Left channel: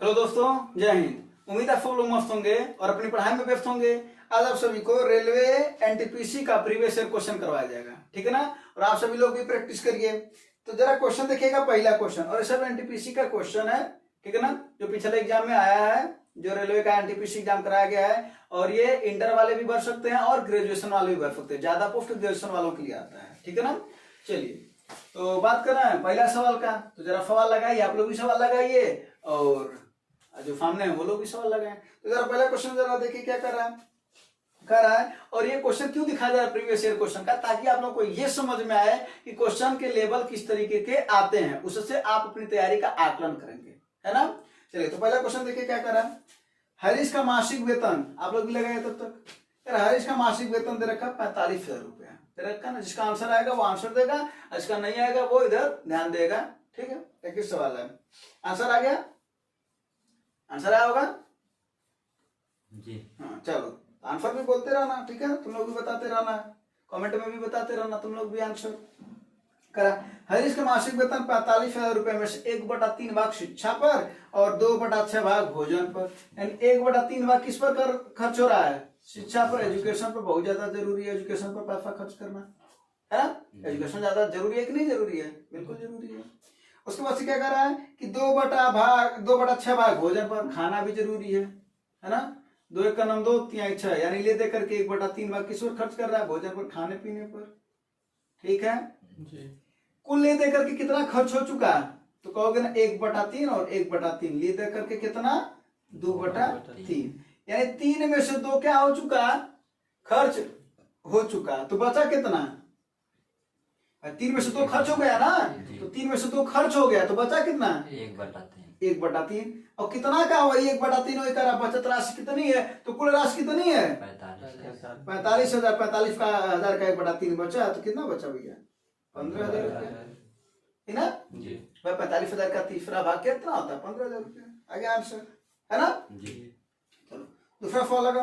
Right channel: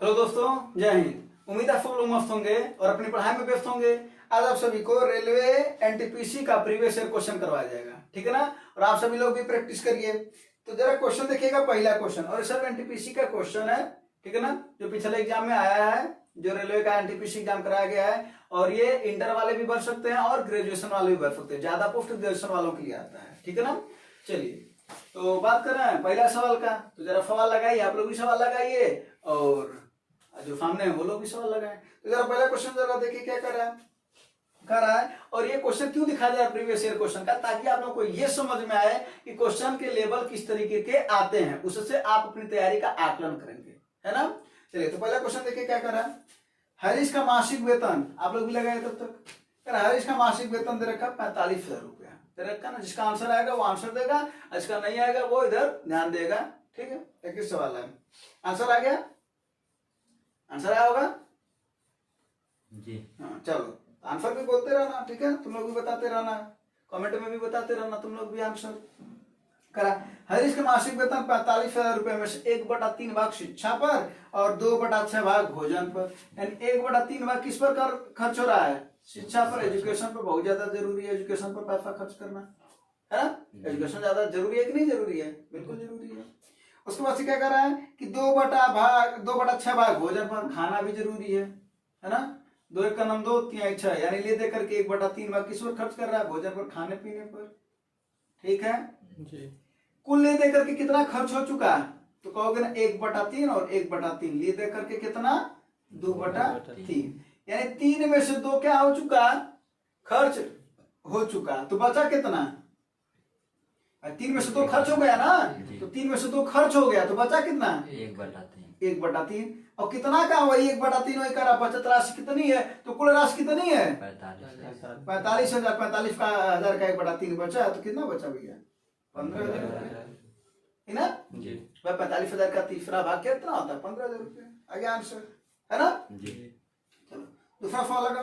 Hello दोस्तों, जय हिंद। उम्मीद है सब लोग मस्त होंगे और अपनी पढ़ाई में व्यस्त होंगे। आज आप सभी को रेलवे एनटीपीसी का प्रीवियस ईयर क्वेश्चन करवाया जाएगा, ठीक है ना। और आप सभी लोग भी प्रैक्टिस करिए। तो जरा क्वेश्चन देखिएगा, पहला क्वेश्चन, और सब एनटीपीसी का क्वेश्चन है, ठीक है ना, जो पिछले एग्जाम में आया है, जो रेलवे का एनटीपीसी एग्जाम कराया गया है। और ये इंटर वाले भी भर सकते हैं और ग्रेजुएशन वाले भी भर सकते हैं, ज्यादा पोस्ट ग्रेजुएशन वालों के लिए आता है, ठीक है ना। चलिए, तो बात करना है पहला सवाल का। तो जरा सवाल लगाइए, आप लोग भी सवाल लगाइए और जो सामने है वो लोग भी सवाल लगाए। तो जरा पहला क्वेश्चन जरा देखिए क्या कर रहा है। और ये क्वेश्चन क्यों दिखाया जा रहा है प्रीवियस ईयर क्वेश्चन का, ताकि आप लोग को ये समझ में आए कि क्वेश्चन के लेवल किस तरीके के आते हैं, उससे आप अपनी तैयारी का आकलन करेंगे, है ना। चलिए, तो पहला क्वेश्चन देखिए क्या कर रहा है। हरीश का मासिक वेतन, आप लोग भी लगाए तब तक। हरीश का मासिक वेतन दे रखा 45,000 रुपया दे रखा ना। जिसका आंसर आएगा वो आंसर देगा, जिसका नहीं आएगा वो इधर ध्यान देगा, ठीक है। एक ही सवाल है, आंसर आ गया, आंसर आया होगा जी। हाँ, चलो आंसर भी बोलते रहना, ठीक है। तुम लोग भी बताते रहना, कमेंट में भी बताते रहना, तुम लोग भी आंसर करा। हरीश के मासिक वेतन 45,000 रुपए में से 1/3 भाग शिक्षा पर और 2/6 भाग भोजन पर, यानी 1/3 भाग किस पर खर्च हो रहा है? शिक्षा पर, एजुकेशन पर। बहुत ज्यादा जरूरी है एजुकेशन पर पैसा खर्च करना, है ना। एजुकेशन ज्यादा जरूरी है कि नहीं जरूरी है? बिल्कुल जरूरी है। उसके बाद से क्या कर रहा है कि 2/6 भाग भोजन पर, खाना भी जरूरी है ना। 2 1 2 3 6, यानी ले दे करके 1/3 भाग किस पर खर्च कर रहा है? भोजन पर, खाने पीने पर, ठीक है जी। कुल ले दे करके कितना खर्च हो चुका है? तो कहोगे ना 1/3 और 1/3 ले दे करके कितना? 2/3, यानी 3 में से 2 क्या हो चुका? खर्च हो चुका। तो बचा कितना? 3 में से 2 खर्च हो गया ना, तो 3 में से 2 खर्च हो गया, तो बचा कितना? 1/3। और कितना का वही 1/3 करा, बचत राशि कितनी है? तो कुल राशि कितनी है? 45,000। 45 का 1000 का 1/3 बचा, तो कितना बचा भैया? 15,000 रुपया, है ना जी। 45,000 का तीसरा भाग कितना होता है? 15,000 रुपया। आगे आंसर, है ना जी। चलो दूसरा सवाल लगा।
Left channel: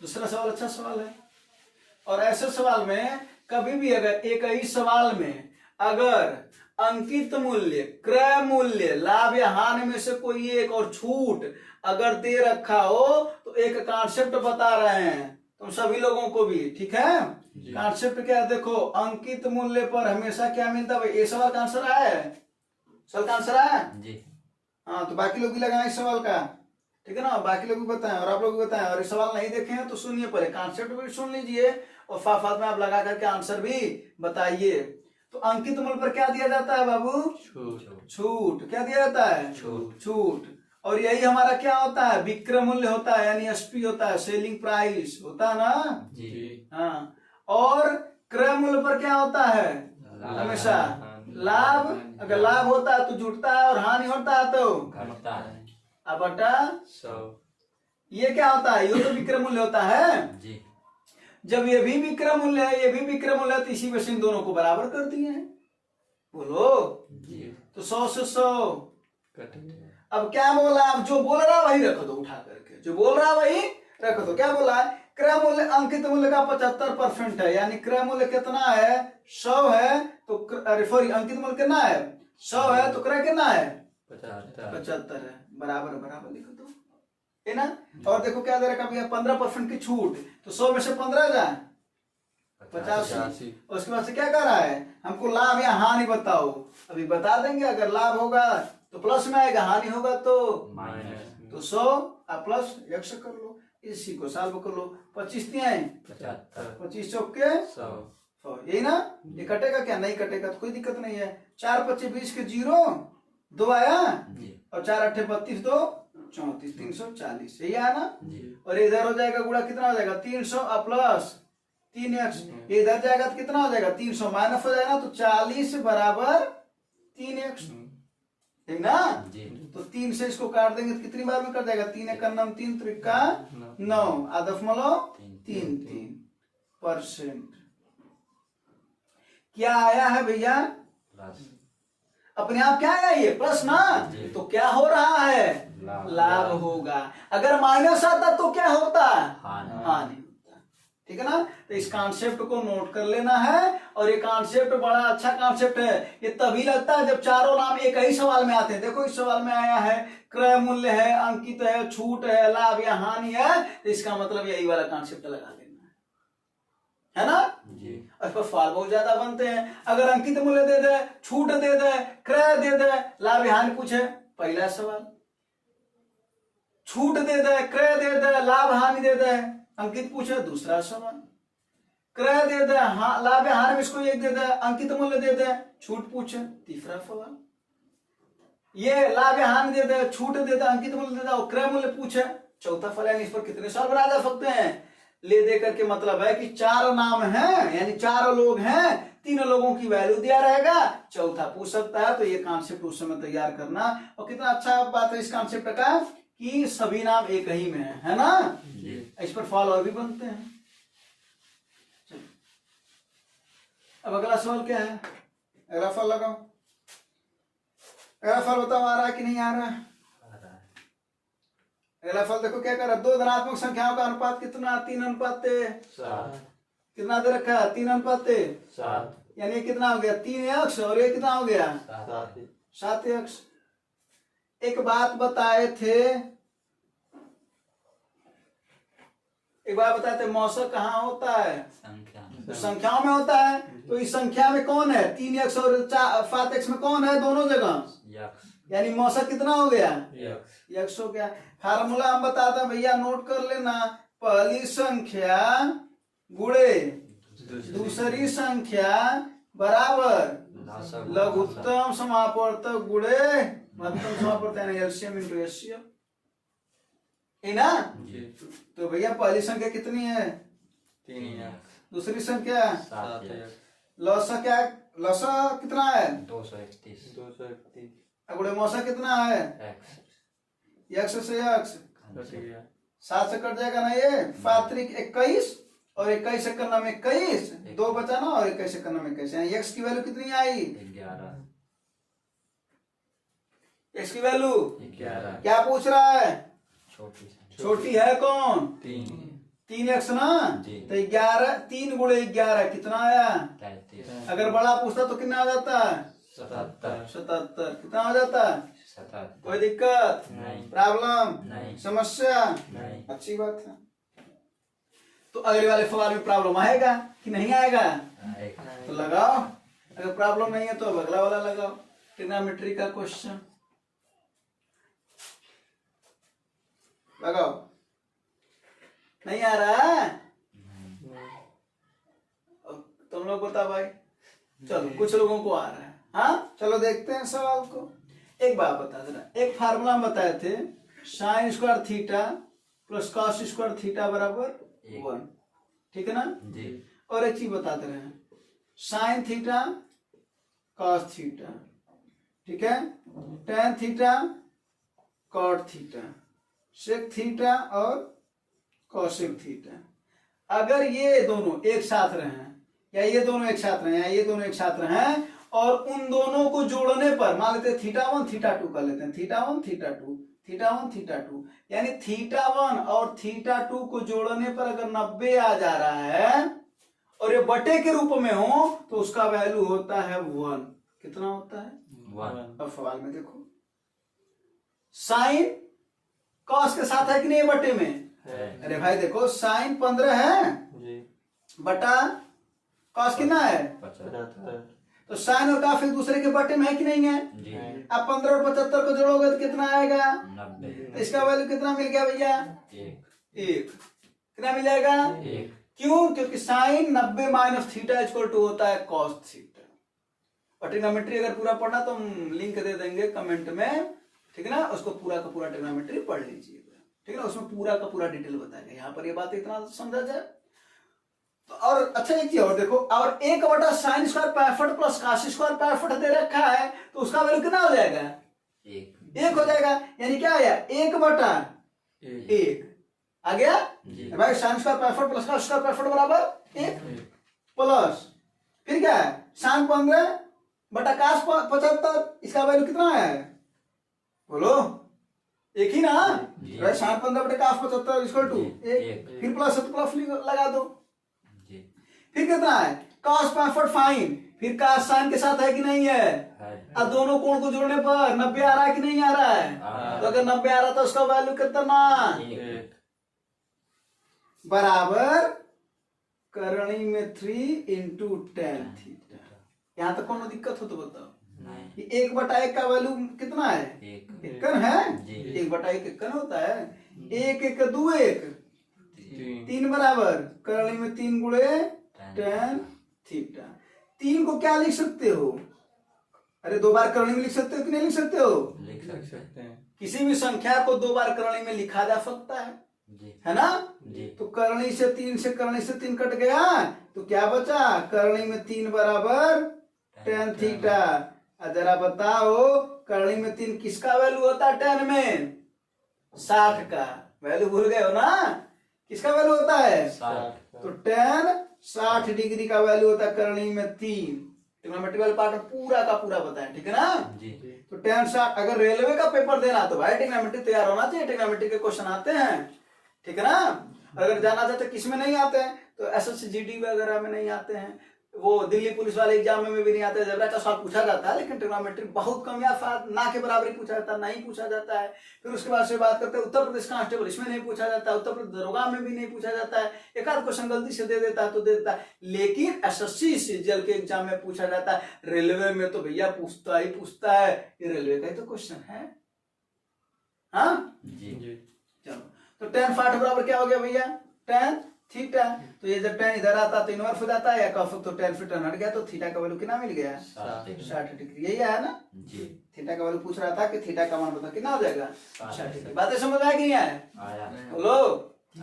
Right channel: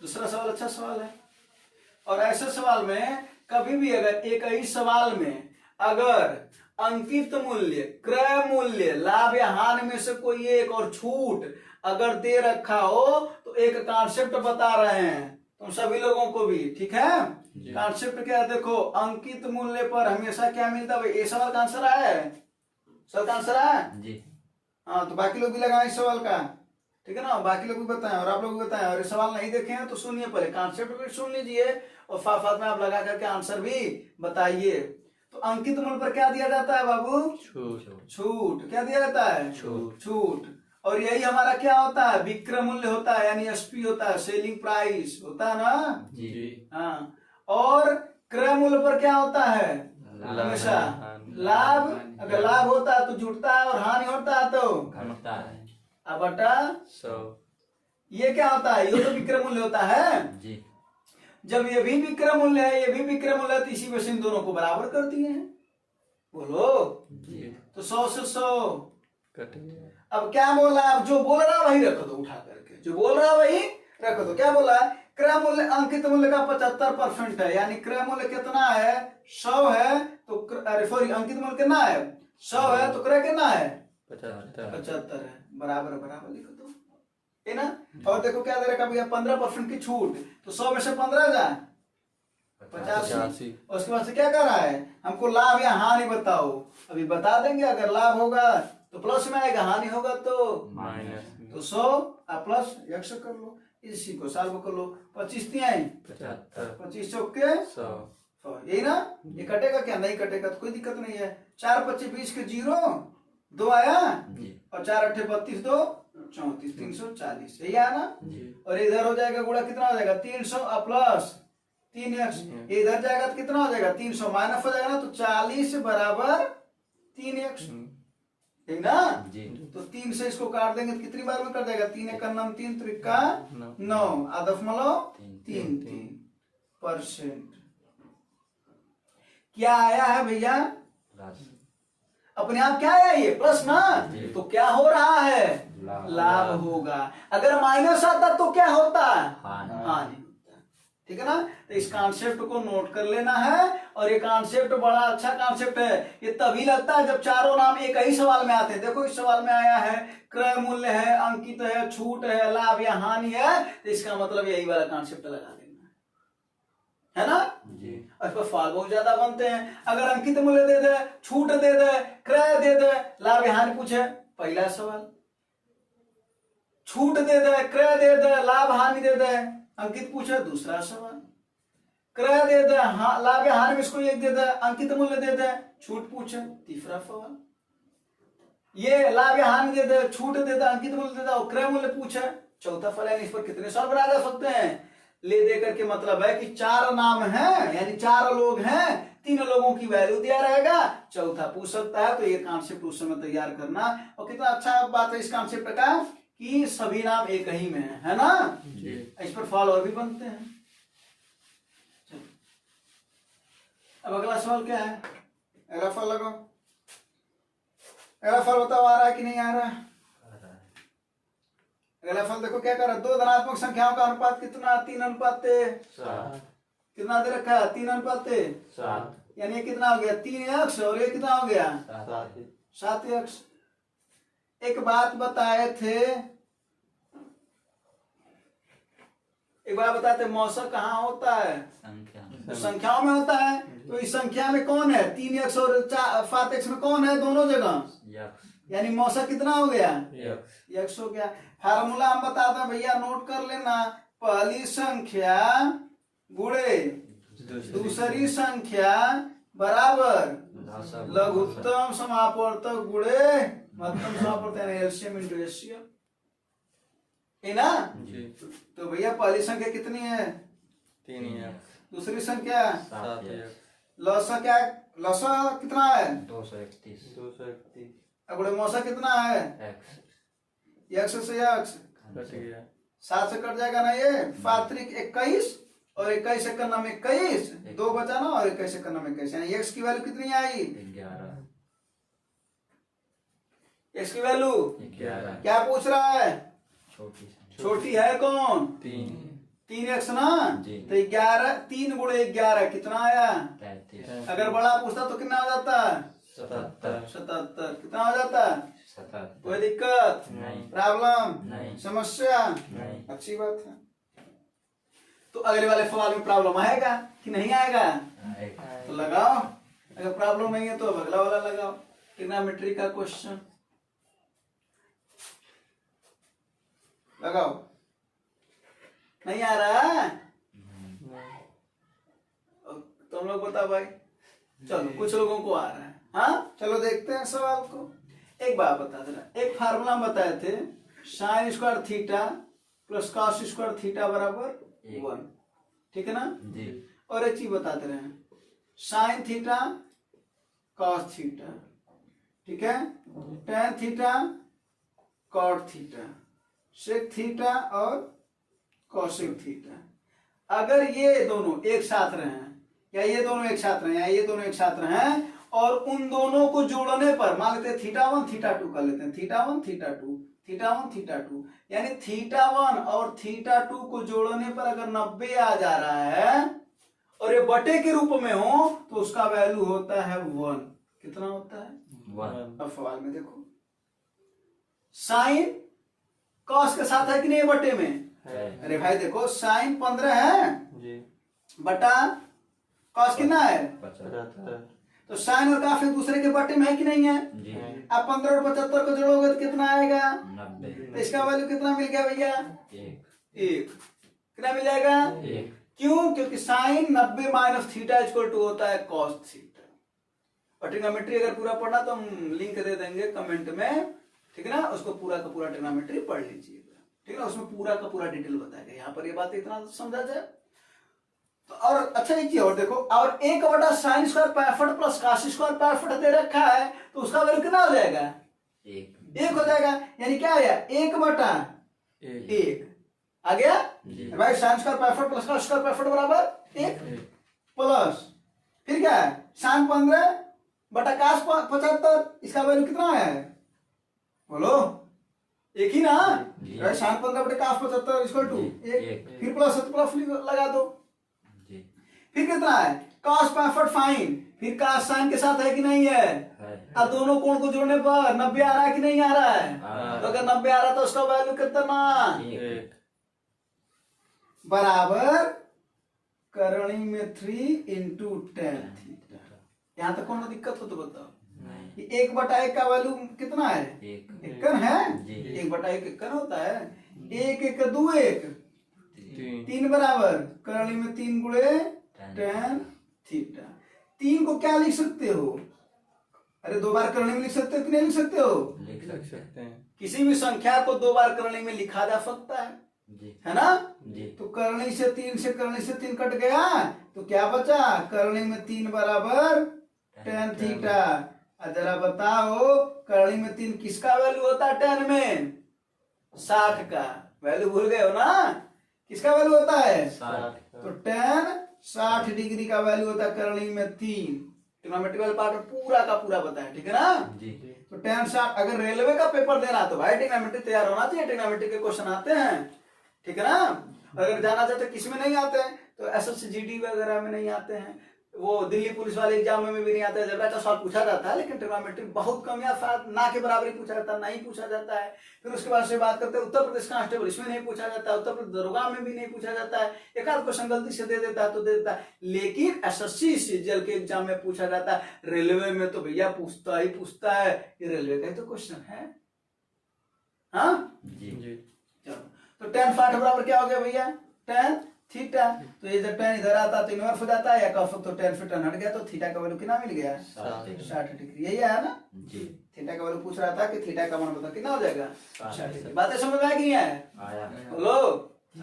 दूसरा सवाल अच्छा सवाल है। और ऐसे सवाल में कभी भी अगर एक ही सवाल में अगर अंकित मूल्य, क्रय मूल्य, लाभ या हानि में से कोई एक और छूट अगर दे रखा हो, तो एक कॉन्सेप्ट बता रहे हैं तुम सभी लोगों को भी, ठीक है। कॉन्सेप्ट क्या है? देखो, अंकित मूल्य पर हमेशा क्या मिलता है? ये सवाल का आंसर आया है, सवाल का आंसर आया जी। हाँ, तो बाकी लोग भी लगाए इस सवाल का, ठीक है ना। बाकी लोग भी बताएं और आप लोग भी बताएं। और ये सवाल नहीं देखे हैं तो सुनिए, पहले कॉन्सेप्ट भी सुन लीजिए और साथ में आप लगा करके आंसर भी बताइए। तो अंकित मूल्य पर क्या दिया जाता है बाबू? छूट। क्या दिया जाता है? छूट। और यही हमारा क्या होता है? विक्रय मूल्य होता है, यानी एसपी होता है, सेलिंग प्राइस होता है ना जी। हाँ। और क्रय मूल्य पर क्या होता है? हमेशा लाभ। अगर लाभ होता है तो जुटता है और हानि होता है तो घटता है। अब बटा 100, ये क्या होता है? ये तो विक्रय मूल्य होता है जी। जब ये भी विक्रय मूल्य है, ये भी विक्रय मूल्य है, तो इसी में से इन दोनों को बराबर कर दिए हैं, बोलो जी। तो 100 से 100 अब क्या बोला? अब जो बोल रहा वही रख दो, उठा करके जो बोल रहा वही रख दो। क्या बोला? क्रय मूल्य अंकित मूल्य का 75% है, यानी क्रय मूल्य कितना है? 100 है, तो अरे सॉरी, अंकित मूल्य कितना है? 100 है, तो क्रय कितना है? 75 है। बराबर बराबर लिख दो, है ना। और देखो क्या दे रखा भैया? 15% की छूट, तो 100 में से 15 जा 85। उसके बाद से क्या कर रहा है? हमको लाभ या हानि बताओ। अभी बता देंगे, अगर लाभ होगा तो प्लस में आएगा, हानि होगा तो माइनस। तो 100 प्लस 100 कर लो, इसी को सॉल्व कर लो। 25 75, 25 चौके 100, यही ना। ये कटेगा क्या? नहीं कटेगा, तो कोई दिक्कत नहीं है। 4 25 20 के 0 2 आया, और 4 8 32 2 34, 340, यही आया ना। और इधर हो जाएगा गुणा, कितना हो जाएगा? 300 प्लस 3x, इधर जाएगा तो कितना हो जाएगा? 300 माइनस हो जाएगा ना, तो 40 बराबर 3x, ठीक ना जी। तो 3 से इसको काट देंगे तो कितनी बार में कट जाएगा? 3 1 9 3 3 का 9, आदफ malo 3% क्या आया है भैया? अपने आप क्या है? ये प्लस ना, तो क्या हो रहा है? लाभ होगा। अगर माइनस आता तो क्या होता? हानि होता, ठीक है ना। तो इस कॉन्सेप्ट को नोट कर लेना है। और ये कॉन्सेप्ट बड़ा अच्छा कॉन्सेप्ट है। ये तभी लगता है जब चारों नाम एक ही सवाल में आते हैं। देखो इस सवाल में आया है क्रय मूल्य है, अंकित है, छूट है, लाभ या हानि है, तो इसका मतलब यही वाला कॉन्सेप्ट लगा लेना है ना। जी। इस पर सवाल बहुत ज्यादा बनते हैं। अगर अंकित मूल्य दे दे, छूट दे दे, क्रय दे दे, लाभ या हानि पूछे, पहला सवाल। छूट दे दे, क्रय दे दे, लाभ हानि दे दे, अंकित पूछे, दूसरा सवाल। क्रय दे दे, लाभ या हानि में इसको एक दे दे, अंकित मूल्य दे दे, छूट पूछे, तीसरा सवाल। ये लाभ या हानि दे दे, छूट दे दे, अंकित मूल्य दे दे और क्रय मूल्य पूछे, चौथा फल। यानी इस पर कितने सवाल बनाए जा सकते हैं? ले दे करके मतलब है कि चार नाम हैं, यानी चार लोग हैं, तीन लोगों की वैल्यू दिया रहेगा, चौथा पूछ सकता है। तो ये कॉन्सेप्ट उस समय तैयार करना। और कितना अच्छा बात है इस कॉन्सेप्ट का कि सभी नाम एक ही में है ना। इस पर फॉल और भी बनते हैं। अब अगला सवाल क्या है? अगला फल लगाओ। अगला फल बताओ, आ रहा है कि नहीं आ रहा? अगला फल देखो क्या कर रहा है। दो धनात्मक संख्याओं का अनुपात कितना? 3:7। कितना दे रखा है? 3:7। यानी ये कितना हो गया? 3x और ये कितना हो गया? 7x। एक बात बताए थे, एक बात बताते, मौसक कहाँ होता है? तो संख्याओं में होता है। तो इस संख्या में कौन है? 3x और 7x में कौन है? दोनों जगह। यानी मौसक कितना हो गया? x हो गया। फार्मूला हम बताते हैं भैया, नोट कर लेना। पहली संख्या गुणे दूसरी संख्या बराबर लघुत्तम समापवर्तक गुणे महत्तम समापवर्तक, यानी एलसीएम इंटू एचसीएफ है ना। तो भैया पहली संख्या कितनी है? 3x। दूसरी संख्या 7x। लसा क्या? लसा कितना है? 231। गुणे मौसा कितना है? x से x कट गया। 7 से कट जाएगा ना। ये 5×3 21 और 21 से करना में 21, 2 बचा ना, और 21 से करना में 21, यानी x की वैल्यू कितनी आई? 11। x की वैल्यू 11। क्या पूछ रहा है? छोटी है कौन? 3x ना। जी। तो 11, 3 गुणे 11 कितना आया? 33। अगर बड़ा पूछता तो कितना हो जाता है? 77। कितना हो जाता है? 77। कोई दिक्कत नहीं। प्रॉब्लम नहीं। समस्या नहीं। अच्छी बात है। तो अगले वाले सवाल में प्रॉब्लम आएगा कि नहीं आएगा? तो लगाओ। अगर प्रॉब्लम नहीं है तो अब अगला वाला लगाओ, ट्रिग्नोमेट्री का क्वेश्चन लगाओ। नहीं आ रहा है? तुम लोग बताओ भाई। चलो कुछ लोगों को आ रहा है। हाँ चलो देखते हैं सवाल को। एक बात बता देना, एक फार्मूला बताए थे, sine square theta plus cos square theta बराबर 1, ठीक है ना जी। और एक चीज बता दे रहे हैं, साइन थीटा कॉस थीटा, ठीक है, tan theta cot theta, sec theta और कॉसेक थीटा। अगर ये दोनों एक साथ रहे या ये दोनों एक साथ रहे या ये दोनों एक साथ रहे और उन दोनों को जोड़ने पर मान लेते हैं θ1 θ2 कर लेते हैं, θ1 θ2 θ1 θ2, यानी θ1 और θ2 को जोड़ने पर अगर 90 आ जा रहा है और ये बटे के रूप में हो तो उसका वैल्यू होता है 1। कितना होता है? 1। अब सवाल में देखो, साइन कॉस के साथ है कि नहीं बटे में? अरे भाई देखो साइन 15 है जी। बटा कॉस कितना है? 75। तो साइन और कॉस एक दूसरे के बटे में है कि नहीं है? जी। अब 15 और 75 को जोड़ोगे तो कितना आएगा? 90। तो इसका वैल्यू कितना मिल गया भैया? 1। कितना मिल जाएगा? 1। क्यों? क्योंकि sine 90 minus theta equal to होता है कॉस थीटा। और ट्रिग्नोमेट्री अगर पूरा पढ़ना तो हम लिंक दे देंगे कमेंट में, ठीक है ना, उसको पूरा का पूरा ट्रिग्नोमेट्री पढ़ लीजिएगा, ठीक है ना, उसमें पूरा का पूरा डिटेल बताएगा। यहाँ पर ये बात इतना समझा जाए तो। और अच्छा एक चीज और देखो, और 1 sine square 65 plus cos square 65 दे रखा है तो उसका वैल्यू कितना हो जाएगा? 1 हो जाएगा। यानी क्या आया? 1/1 आ गया भाई। Sine square 65 plus cos square 65 बराबर 1 प्लस फिर क्या है? साइन 15 बटा कॉस 75, इसका वैल्यू कितना आया है? बोलो, एक ही ना। साइन 15 बटे कॉस 75 इक्वल टू 1, फिर प्लस है तो प्लस लगा दो। फिर कितना है cos 65 फाइन, फिर cos साइन के साथ है कि नहीं है, अब दोनों कोण को जोड़ने पर 90 आ रहा है कि नहीं आ रहा है, तो अगर 90 आ रहा तो उसका वैल्यू कितना एक बराबर करणी में 3 इंटू टेन थीटा। यहाँ तक कौन दिक्कत हो तो बताओ, ये 1/1 का वैल्यू कितना है, इक्कन है, 1/1 इक्कन होता है, 1 1 2 1 3 बराबर करणी में 3 गुणे टेन थीटा। 3 को क्या लिख सकते हो, अरे 2 बार करणी में लिख सकते हो कि नहीं लिख सकते हो, लिख सकते हैं किसी भी संख्या को 2 बार करणी में लिखा जा सकता है ना। तो करणी से 3 कट गया तो क्या बचा, करणी में 3 बराबर टेन थीटा। जरा बताओ करणी में 3 किसका वैल्यू होता है, टेन में 60 का वैल्यू भूल गए हो ना, किसका वैल्यू होता है, तो टेन 60 डिग्री का वैल्यू होता है करणी में 3। ट्रिग्नोमेट्रिकल पार्ट में पूरा का पूरा बताया, ठीक है ना। तो टेन 60, अगर रेलवे का पेपर देना तो भाई ट्रिग्नोमेट्री तैयार होना चाहिए, ट्रिग्नोमेट्री के क्वेश्चन आते हैं, ठीक है ना। अगर जाना चाहते किस में नहीं आते हैं तो एसएससी जीडी वगैरह में नहीं आते हैं, वो दिल्ली पुलिस वाले एग्जाम में भी नहीं आते हैं, जबरा का सवाल पूछा जाता है लेकिन ट्रिग्नोमेट्री बहुत कम या ना के बराबर ही पूछा जाता है, नहीं पूछा जाता है। फिर उसके बाद से बात करते हैं उत्तर प्रदेश कांस्टेबल, इसमें नहीं पूछा जाता है, उत्तर प्रदेश दरोगा में भी नहीं पूछा जाता है, एक आध क्वेश्चन गलती से दे देता है तो दे देता है, लेकिन एसएससी सीजीएल के एग्जाम में पूछा जाता है। रेलवे में तो भैया पूछता ही पूछता है, ये रेलवे का ही तो क्वेश्चन है। हाँ चलो, तो टेन 60 बराबर क्या हो गया भैया, टेन थीटा। तो ये जब टेन इधर आता तो इनवर्स हो जाता है, या कफ तो टेन फिर टेन हट गया तो थीटा का वैल्यू कितना मिल गया, 60 डिग्री। यही है ना, थीटा का वैल्यू पूछ रहा था कि थीटा का मान बता कितना हो जाएगा, 60 डिग्री। बातें समझ में आया कि नहीं आया, बोलो।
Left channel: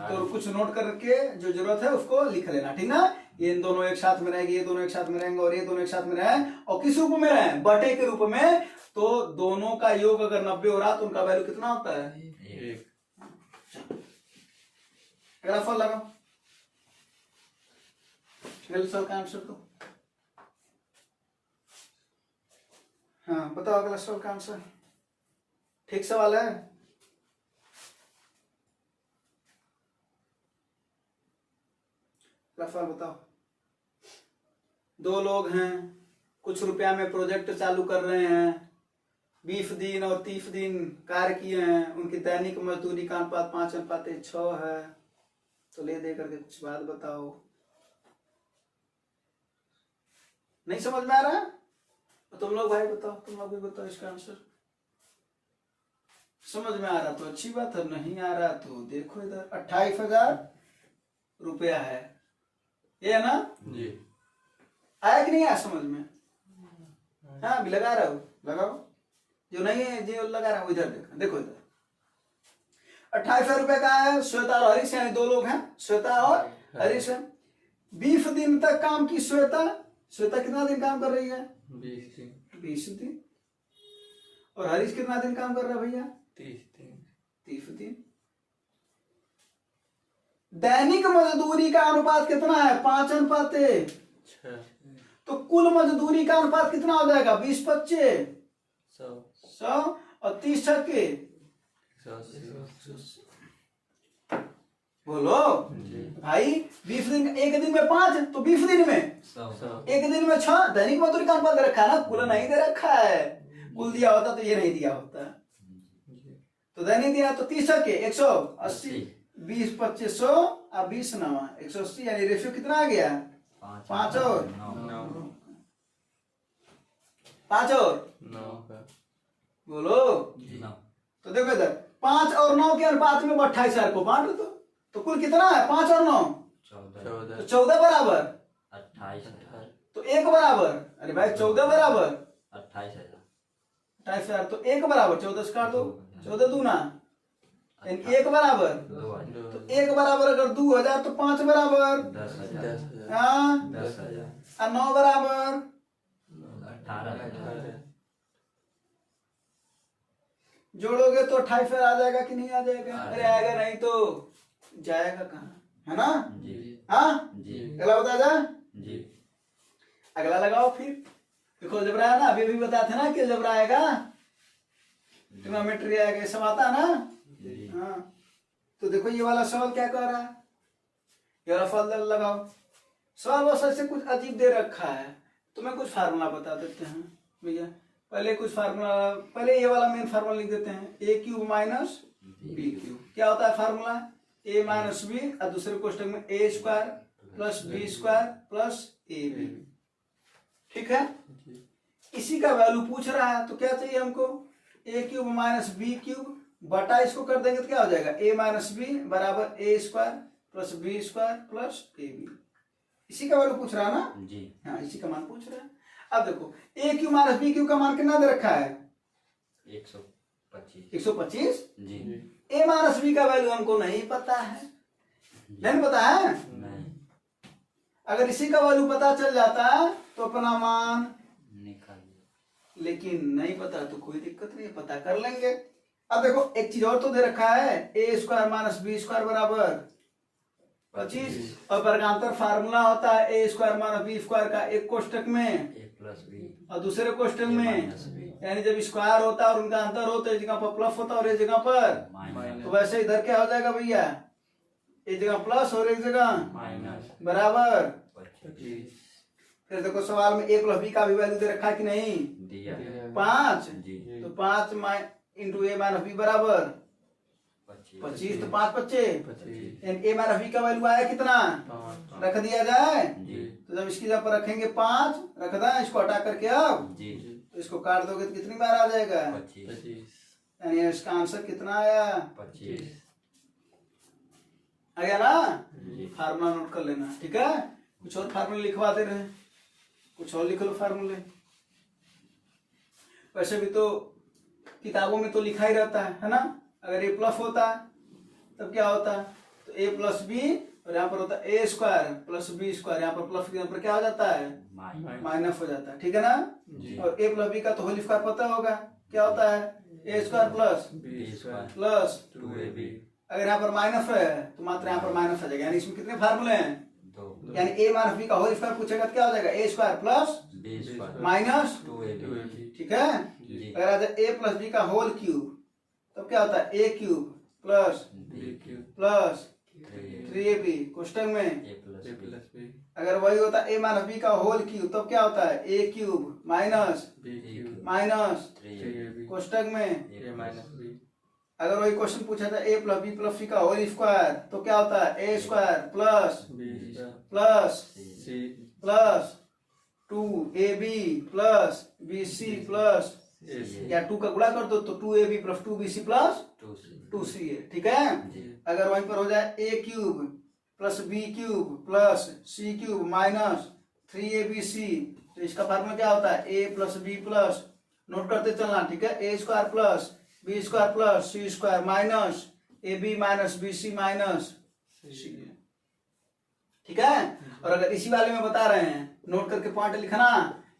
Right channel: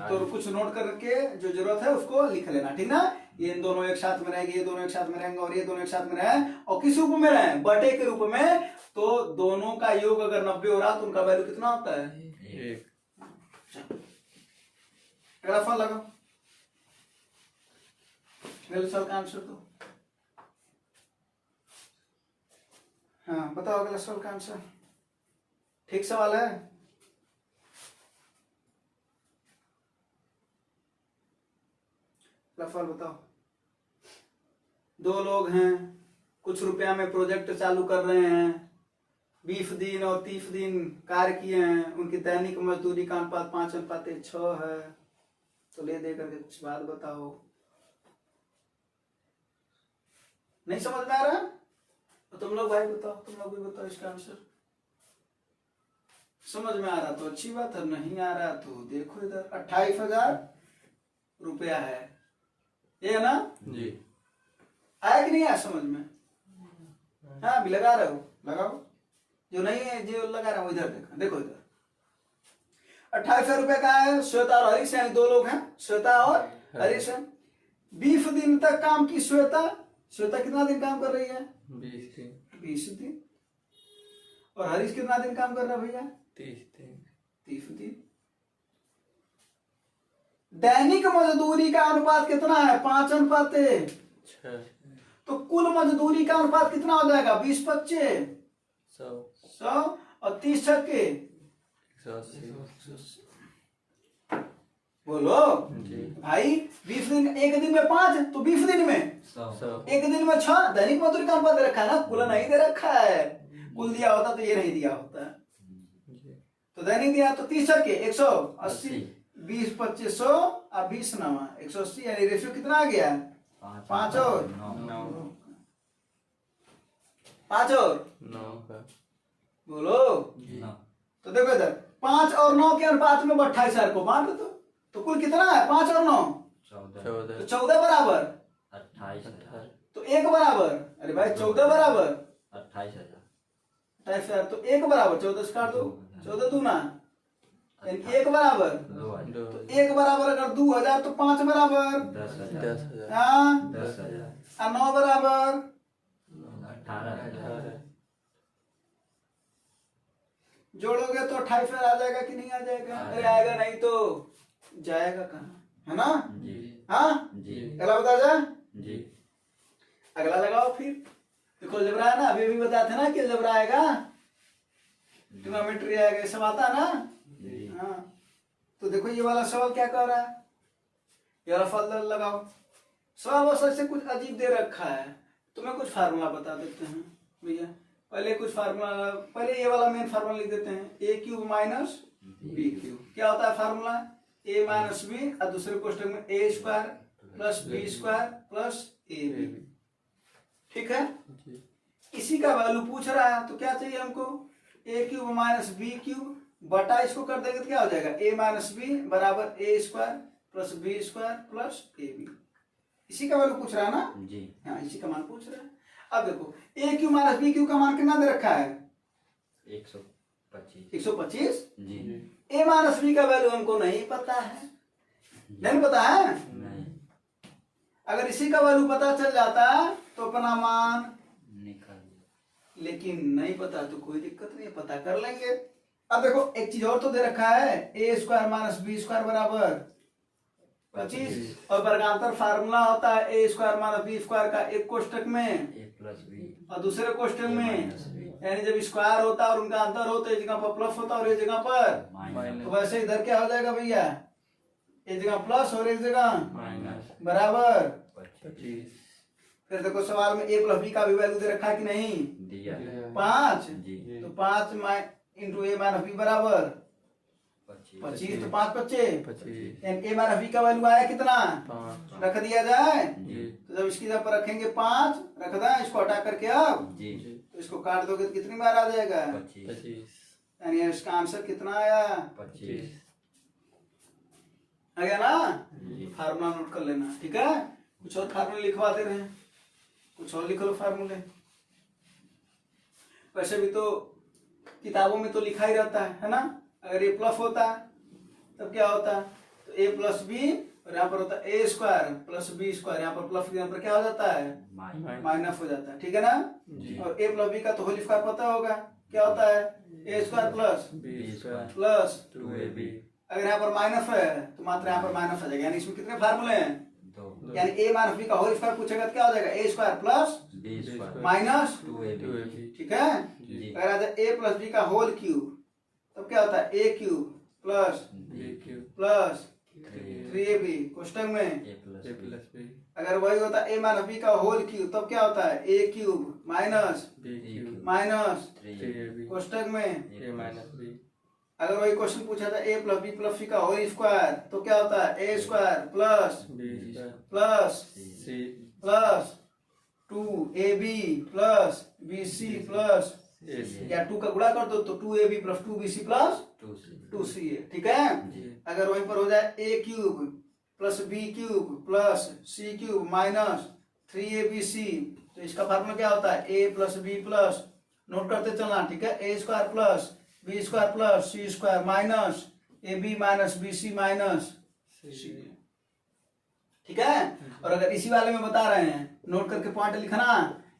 तो कुछ नोट करके जो जरूरत है उसको लिख लेना, ठीक ना। ये इन दोनों एक साथ में रहेंगे, ये दोनों एक साथ में रहेंगे और ये दोनों एक साथ में रहे, और किस रूप में रहे, बटे के रूप में। तो दोनों का योग अगर 90 हो रहा तो उनका वैल्यू कितना होता है, एक। अगला फल लगाओ, अगले सवाल का आंसर तो हाँ बताओ, अगला सवाल का आंसर ठीक सवाल है। अगला सवाल बताओ, 2 लोग हैं, कुछ रुपया में प्रोजेक्ट चालू कर रहे हैं, 20 दिन और 30 दिन कार्य किए हैं, उनकी दैनिक मजदूरी का अनुपात 5:6 है। तो ले दे करके कुछ बात बताओ। नहीं समझ में आ रहा तो तुम लोग भाई बताओ, तुम लोग भी बताओ इसका आंसर। समझ में आ रहा तो अच्छी बात है, नहीं आ रहा तो देखो इधर 28,000 रुपया है, ये है ना जी। आया कि नहीं आया समझ में, हाँ अभी लगा रहा हूँ, लगाओ। जो नहीं है जो लगा रहा हूँ इधर देखो, देखो इधर 28,000 रुपए का है। श्वेता और हरीश यानी 2 लोग हैं, श्वेता और हरीश है। 20 दिन तक काम की श्वेता कितना दिन काम कर रही है, 20 दिन। और हरीश कितना दिन काम कर रहा है भैया, 30 दिन। दैनिक मजदूरी का अनुपात कितना है, 5:6। तो कुल मजदूरी का अनुपात कितना हो जाएगा, 20/25 100 और 30 छक्के बोलो भाई। 20 दिन, एक दिन में 5 तो 20 दिन में 1 दिन में 6 दैनिक मजदूरी का अनुपात दे रखा है ना, कुल नहीं दे रखा है। कुल दिया होता तो ये नहीं दिया होता, तो दैनिक दिया तो 30 छक्के 180, 20/25 100 और 20 9 180, यानी रेशियो कितना आ गया, 5 और 9 बोलो। तो देखो इधर 5 और 9 के अनुपात में 28,000 को बांट दो, तो कुल कितना है, 5 और 9 तो 14 बराबर 28,000 तो 1 बराबर, अरे भाई 14 बराबर 28,000 तो 1 बराबर 14 से काट दो, 14 दूना 1 बराबर, तो 1 बराबर अगर 2,000 तो 5 बराबर 10,000 हाँ 10,000 और 9 बराबर 18,000 जोड़ोगे तो 28,000 आ जाएगा कि नहीं आ जाएगा, अरे आएगा नहीं तो जाएगा कहाँ, है ना। जी हाँ जी अगला बता जा, जी अगला लगाओ फिर। देखो जबरा है ना, अभी भी बताया था ना कि जबरा आएगा, ट्रिग्नोमेट्री आएगा, ये सब आता है ना। जी हाँ तो देखो ये वाला सवाल क्या कह रहा है, ये वाला फल लगाओ। सवाल बस ऐसे कुछ अजीब दे रखा है, तो मैं कुछ फार्मूला बता देते हैं भैया। पहले कुछ फार्मूला, पहले ये वाला मेन फार्मूला लिख देते हैं, ए क्यूब माइनस बी क्यूब। क्या होता है फार्मूला? ए माइनस बी और दूसरे क्वेश्चन में A square plus B square plus A B. ठीक है, इसी का वैल्यू पूछ रहा है, तो क्या चाहिए हमको? ए क्यूब माइनस बी क्यूब बटा इसको कर देंगे तो क्या हो जाएगा? ए माइनस बी बराबर A square plus B square plus A B. इसी का वैल्यू पूछ रहा है ना जी। हाँ, इसी का मान पूछ रहा है। अब देखो ए क्यू माइनस बी क्यू का मान कितना दे रखा है? 125 125। जी। ए माइनस बी का वैल्यू हमको नहीं पता है, नहीं पता है। नहीं अगर इसी का वैल्यू पता चल जाता तो अपना मान, निकाल लेकिन नहीं पता तो कोई दिक्कत नहीं है, पता कर लेंगे। अब देखो एक चीज और तो दे रखा है, A square minus B square बराबर 25, और वर्गांतर फार्मूला होता है A square minus B square का एक कोष्टक में ए प्लस बी और दूसरे क्वेश्चन ए में, माइनस बी यानी जब स्क्वायर होता है और उनका अंतर होता है, इस जगह पर प्लस होता है और इस जगह पर, माइनस तो वैसे इधर क्या हो जाएगा भैया? एक जगह प्लस और एक जगह माइनस बराबर 25 फिर देखो सवाल में ए प्लस बी का भी वैल्यू दे रखा है कि नहीं? दिया है 5, जी। तो 5 इंटू ए माइनस बी बराबर 25, तो 5 बच्चे, 25 ए माइनस बी का वैल्यू आया कितना? 5 रख दिया जाए। जी तो जब इसकी जगह पर रखेंगे 5 रख दें, इसको हटा करके अब जी तो इसको काट दोगे तो कितनी बार आ जाएगा? 25 25 यानी इसका आंसर कितना आया? 25 आ गया ना? जी फार्मूला नोट कर लेना, ठीक है। कुछ और फार्मूले लिखवाते रहे, कुछ और लिख लो फार्मूले। वैसे भी तो किताबों में तो लिखा ही रहता है ना। अगर ए प्लस होता तब क्या होता? तो ए प्लस बी और यहाँ पर होता है A square plus B square, यहाँ पर प्लस यहाँ पर क्या हो जाता है? माइनस माइनस हो जाता है, ठीक है ना। जी। और ए प्लस बी का तो होल स्क्वायर पता होगा, क्या होता है? A square plus B square plus 2ab अगर यहाँ पर माइनस है तो मात्र यहाँ पर माइनस आ जाएगा। यानी इसमें कितने फार्मूले हैं? 2 यानी ए माइनस बी का होल स्क्वायर पूछेगा तो क्या हो जाएगा? A square plus B square minus 2ab 2ab ठीक है। जी अगर आ जाए ए प्लस बी का होल क्यूब तब क्या होता है? A cube plus b cube plus 3 3ab कोष्टक में। a plus a B plus b अगर वही होता है ए माइनस बी का होल क्यूब तब क्या होता है? A cube minus b cube minus 3ab 3ab कोष्टक में। a minus b अगर वही क्वेश्चन पूछा था A plus B plus C का होल स्क्वायर तो क्या होता है? A square plus b square plus c plus 2ab plus bc plus ac या 2 का गुणा कर दो तो 2ab plus 2bc plus 2c 2ca, ठीक है। जी अगर वहीं पर हो जाए A cube plus B cube plus C cube minus 3abc तो इसका फार्मूला क्या होता है? A plus B plus, note करते चलना, ठीक है। A square plus B square plus C square minus A B minus B C minus C, ठीक है। और अगर इसी वाले में बता रहे हैं, नोट करके पॉइंट लिखना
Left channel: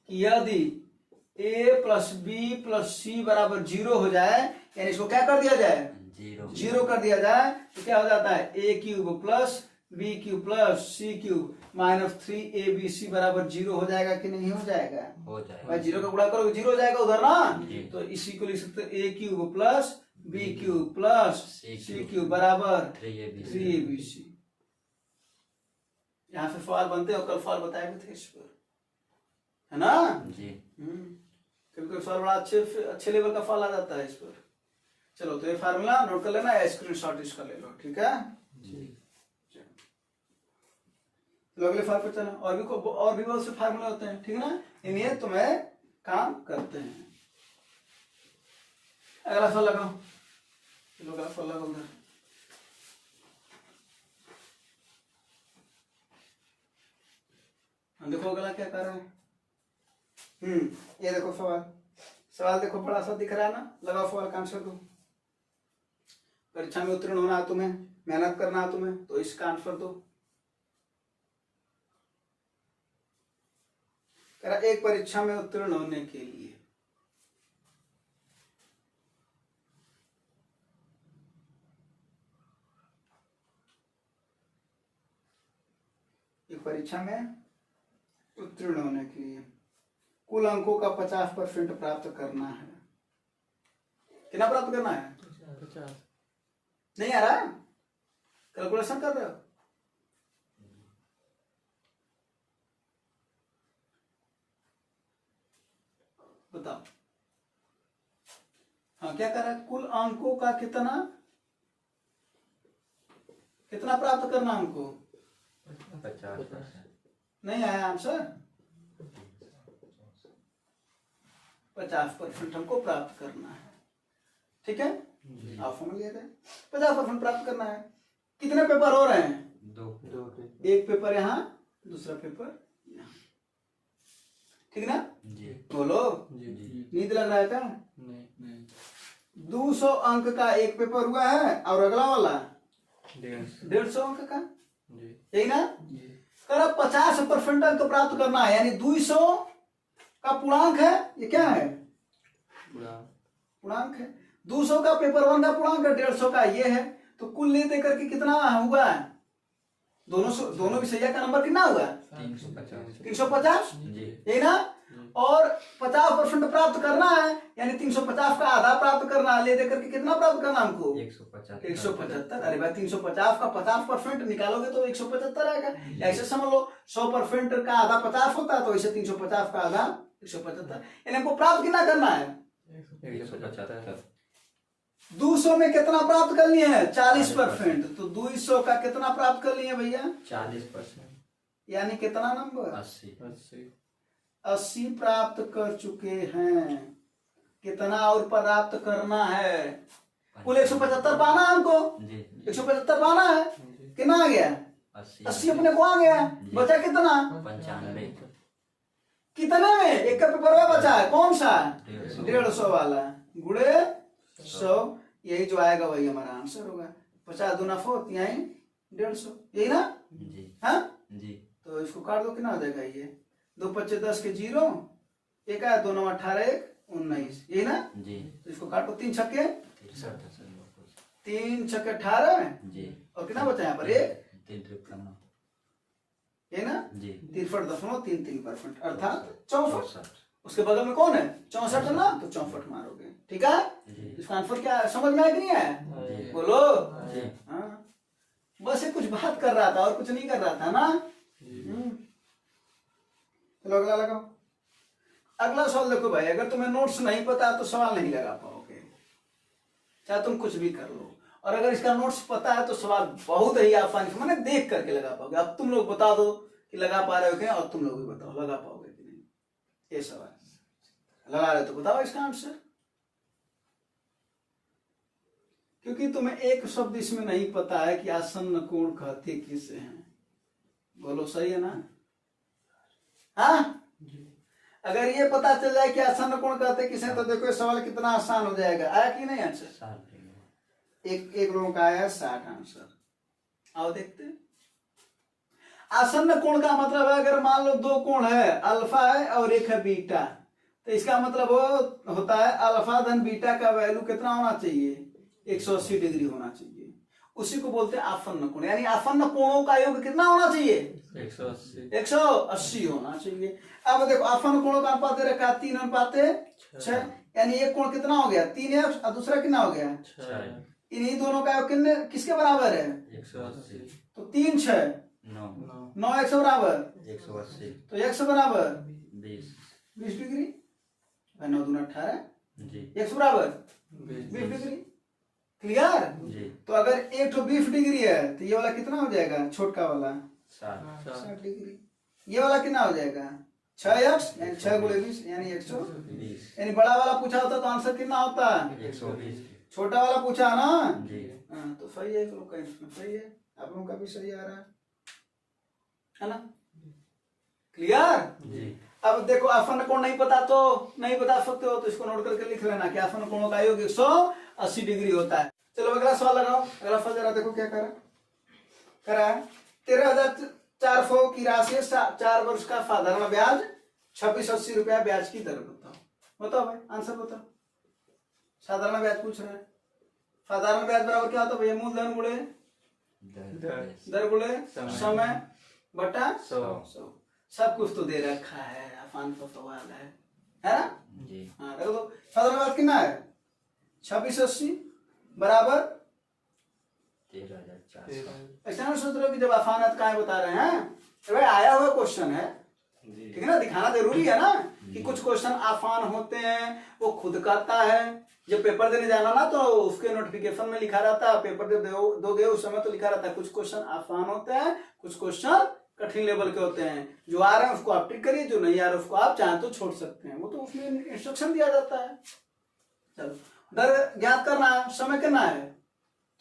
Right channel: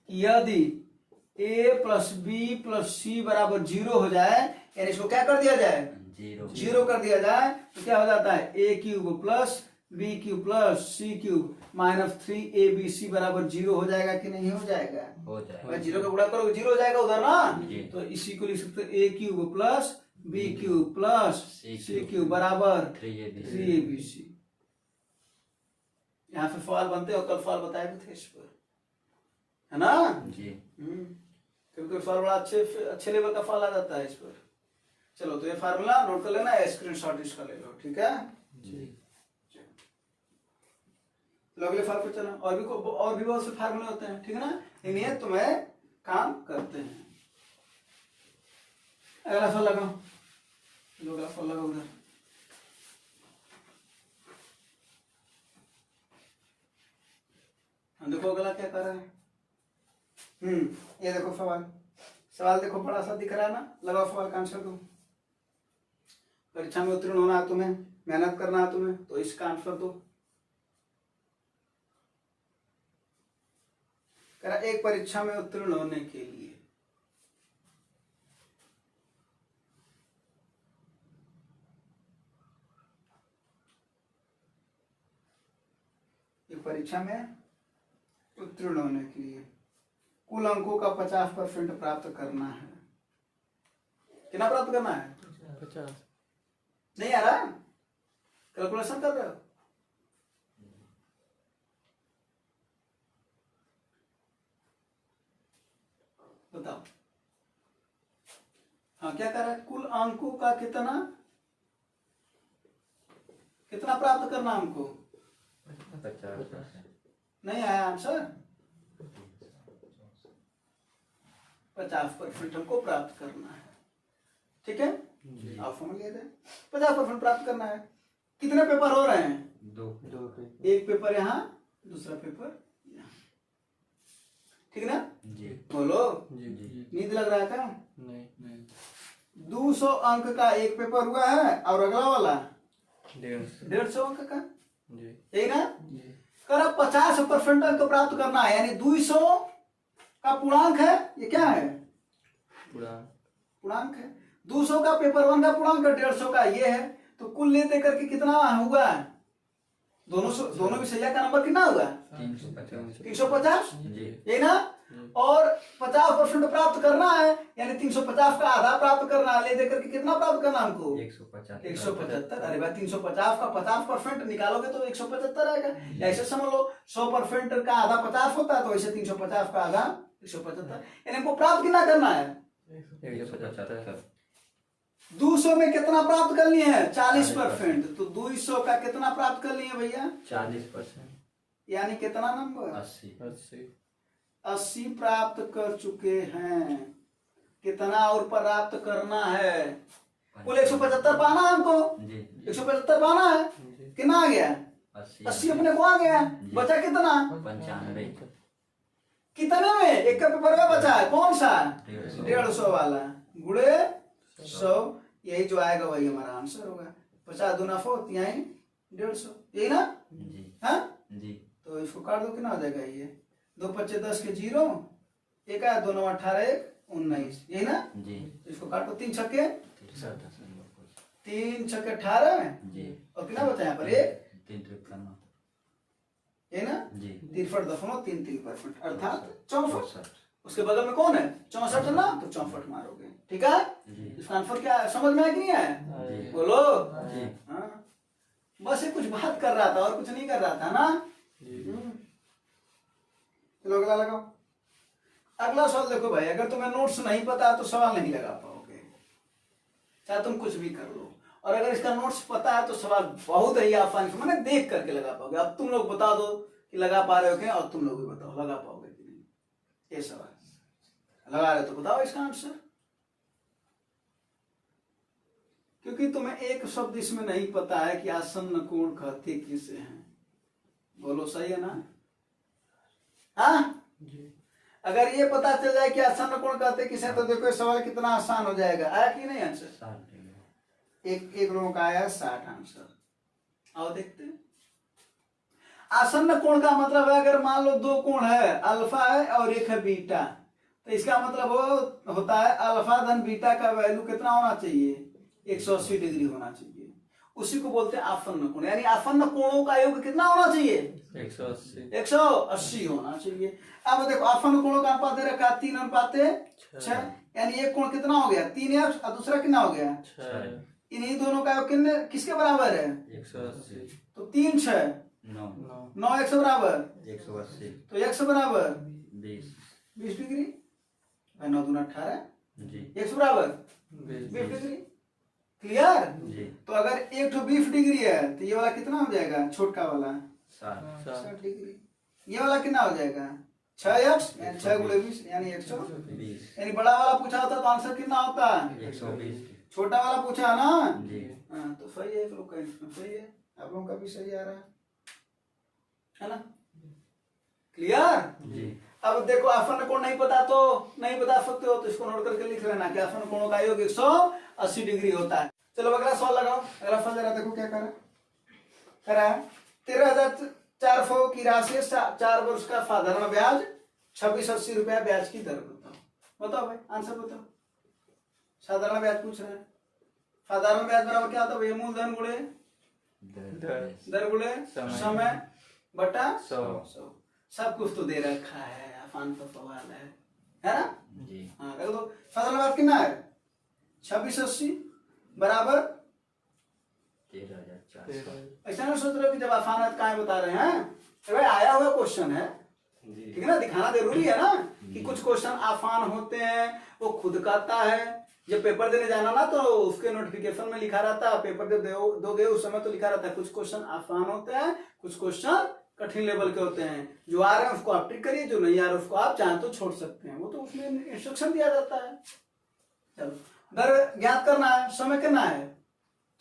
कि यदि ए प्लस बी प्लस सी बराबर 0 हो जाए, यानी इसको क्या कर दिया जाए? 0 कर दिया जाए तो क्या हो जाता है? A cube plus B cube plus C cube minus 3abc बराबर 0 हो जाएगा कि नहीं हो जाएगा? हो भाई जाएगा 0 का गुणा करोगे 0 हो जाएगा उधर ना। जी। तो इसी को लिख सकते A cube plus B cube plus C cube बराबर 3abc। यहाँ से सवाल बनते और कल सवाल बताए भी थे इस पर, है ना। जी कभी कभी सवाल बड़ा अच्छे लेवल का सवाल आ जाता है इस पर। चलो तो ये फार्मूला नोट कर लेना, स्क्रीनशॉट इसका ले लो, ठीक है। जी तो अगले फार्मूले पे चलना, और भी बहुत से फार्मूले होते हैं, ठीक है ना। इन्हें तुम्हें काम करते हैं। अगला फल लगाओ, चलो अगला फल लगाओ उधर। हम देखो अगला क्या कर रहा है। ये देखो सवाल देखो बड़ा सा दिख रहा है ना। लगाओ सवाल का आंसर दो। परीक्षा में उत्तीर्ण होना है तुम्हें, मेहनत करना है तुम्हें, तो इसका आंसर दो। कह रहा एक परीक्षा में उत्तीर्ण होने के लिए उत्तीर्ण होने के लिए कुल अंकों का 50% प्राप्त करना है। कितना प्राप्त करना है? 50 नहीं आ रहा? कैलकुलेशन कर रहे हो? बताओ। हाँ क्या कर रहा है, कुल अंकों का कितना प्राप्त करना हमको, 50%। नहीं आया आंसर, 50% हमको प्राप्त करना है। ठीक है, आप समझ गए थे, 50% प्राप्त करना है। कितने पेपर हो रहे हैं, 2 एक पेपर यहाँ, दूसरा पेपर यहाँ, ठीक ना, जी बोलो। जी नींद लग रहा है क्या, नहीं 200 अंक का एक पेपर हुआ है और अगला वाला 150 150 अंक का, जी यही ना। जी कर 50% अंक प्राप्त करना है, यानी 200 का पूर्णांक है, ये क्या है, पूरा पूर्णांक है। 200 का पेपर 1 का पूर्णांक है, 150 का ये है। तो कुल ले दे करके कितना हुआ, दोनों विषया का नंबर कितना हुआ, 350। 350, जी यही ना। और 50% प्राप्त करना है, यानी 350 का आधा प्राप्त करना है, ले दे करके कितना प्राप्त करना हमको, 175। 175। अरे भाई 350 का 50% निकालोगे तो 175 आएगा। ऐसे समझ लो 100% का आधा 50 होता है, तो ऐसे 350 का आधा 175, यानी हमको प्राप्त कितना करना है, 175। 200 में कितना प्राप्त करनी है, 40%। तो 200 का कितना प्राप्त कर लिए भैया, 40%। यानी कितना नंबर, 80। 80 प्राप्त कर चुके हैं। कितना और प्राप्त करना है, कुल 175 पाना है हमको, जी 175 पाना है, कितना आ गया, 80 अपने को आ गया, बचा कितना, 95। कितने में, एक का पेपर में बचा है, कौन सा, 150। 150 वाला, गुड़े 100, यही जो आएगा वही हमारा आंसर होगा। 50 दूना 4, यही 150, यही ना। जी हाँ जी तो इसको काट दो, कितना हो जाएगा ये, 2 25 10 के 0, एक है 2 9 18 1 19, यही ना। जी तो इसको काटो, 3 छक्के 18 जी और कितना बचा यहाँ पर, 1 3 53। यही ना। जी 63.33%, अर्थात 64। 64। उसके बगल में कौन है, 64 है ना, तो 64 मारोगे। ठीक है, जी इसका आंसर क्या है, समझ में आया कि नहीं आया, जी बोलो। जी हाँ बस ये कुछ बात कर रहा था और कुछ नहीं कर रहा था ना। चलो अगला लगाओ। अगला सवाल देखो भाई, अगर तुम्हें नोट्स नहीं पता तो सवाल नहीं लगा पाओगे, चाहे तुम कुछ भी कर लो। और अगर इसका नोट्स पता है तो सवाल बहुत ही आसानी से, मैंने देख करके लगा पाओगे। अब तुम लोग बता दो कि लगा पा रहे हो क्या, और तुम लोग भी बताओ लगा पाओगे कि नहीं। ये सवाल लगा रहे हो तो बताओ इसका आंसर, क्योंकि तुम्हें एक शब्द इसमें नहीं पता है कि आसन्न कोण कहते किसे हैं। बोलो सही है ना, हाँ। अगर ये पता चल जाए कि आसन्न कोण कहते किसे हैं, तो देखो ये सवाल कितना आसान हो जाएगा। आया कि नहीं आंसर, 60। एक लोगों का आया 60 आंसर। आओ देखते हैं। आसन्न कोण का मतलब है, अगर मान लो 2 कोण है, अल्फा है और एक है बीटा, तो इसका मतलब वो होता है अल्फा धन बीटा का वैल्यू कितना होना चाहिए, 180 डिग्री होना चाहिए। उसी को बोलते हैं आसन्न कोण, यानी आसन्न कोणों का योग कितना होना चाहिए, 180 होना चाहिए। अब देखो आसन्न कोणों का अनुपात दे रखा 3:6, यानी एक कोण कितना हो गया 3x और दूसरा कितना हो गया 6। इन्हीं दोनों का योग कितने किसके बराबर है, 180। तो 3 6 9 9 x बराबर, 180। तो x बराबर 20। डिग्री, 9 दूना 18, जी x बराबर 20 डिग्री। क्लियर। जी तो अगर एक तो 20 डिग्री है तो ये वाला कितना हो जाएगा, छोटका वाला 60। 60 डिग्री। ये वाला कितना हो जाएगा 6x, यानी 6 गुणे 20 यानी 120। यानी बड़ा वाला पूछा होता तो आंसर कितना होता, 120। छोटा वाला पूछा ना। जी हाँ तो सही है, लोग का इसमें सही है, आप लोगों का भी सही आ रहा है ना। क्लियर। जी अब देखो आसन्न कोण नहीं पता तो नहीं बता सकते हो, तो इसको नोट करके लिख लेना कि आसन्न कोणों का योग 180 डिग्री होता है। चलो अगला सवाल लगाओ। अगला सवाल जरा देखो क्या करा है 13,400 की राशि 4 वर्ष का साधारण ब्याज 2680 रुपया ब्याज की दर बताओ भाई, आंसर बताओ। साधारण ब्याज पूछ रहे हैं। साधारण ब्याज बराबर क्या होता है भैया, मूलधन गुणे दर गुणे समय बटा 100। सब कुछ तो दे रखा है, आसान सा सवाल है ना। जी हाँ देखो तो साधारण ब्याज कितना है 2680 बराबर 13,400। ऐसा ना सोच रहे हो कि जब आसान है तो कहाँ बता रहे हैं। तो भाई आया हुआ क्वेश्चन है, ठीक है ना, दिखाना जरूरी है ना कि कुछ क्वेश्चन आसान होते हैं, वो खुद करता है। जब पेपर देने जाना ना तो उसके नोटिफिकेशन में लिखा रहता है, पेपर जब दोगे उस समय तो लिखा रहता है कुछ क्वेश्चन आसान होते हैं, कुछ क्वेश्चन कठिन लेवल के होते हैं। जो आ रहे हैं उसको आप टिक करिए, जो नहीं आ रहे उसको आप चाहें तो छोड़ सकते हैं, वो तो उसमें इंस्ट्रक्शन दिया जाता है। चलो दर ज्ञात करना है, समय कितना है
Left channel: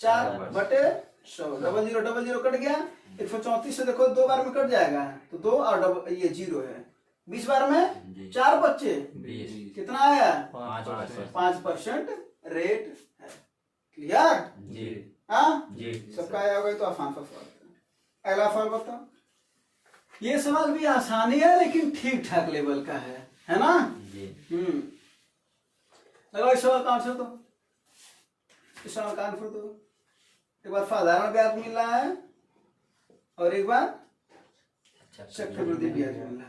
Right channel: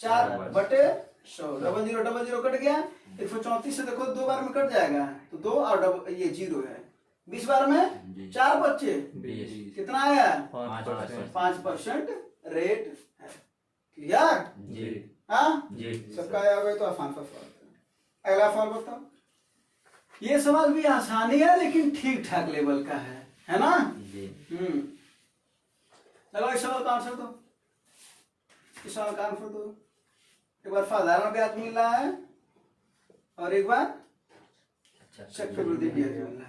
4/100, 00 00 कट गया, 134 से देखो 2 बार में कट जाएगा तो 2 और ये 0 है, 20 बार में 4 बच्चे 20 कितना आया 5%। 5% रेट है। क्लियर? जी हाँ जी सबका आया होगा तो आसान सा सवाल है। अगला सवाल बताओ। ये सवाल भी आसानी है लेकिन ठीक ठाक लेवल का है ना? जी। लगाओ इस सवाल का आंसर दो, इस सवाल का आंसर दो। एक बार साधारण ब्याज मिल रहा है और एक बार चक्रवृद्धि ब्याज मिल रहा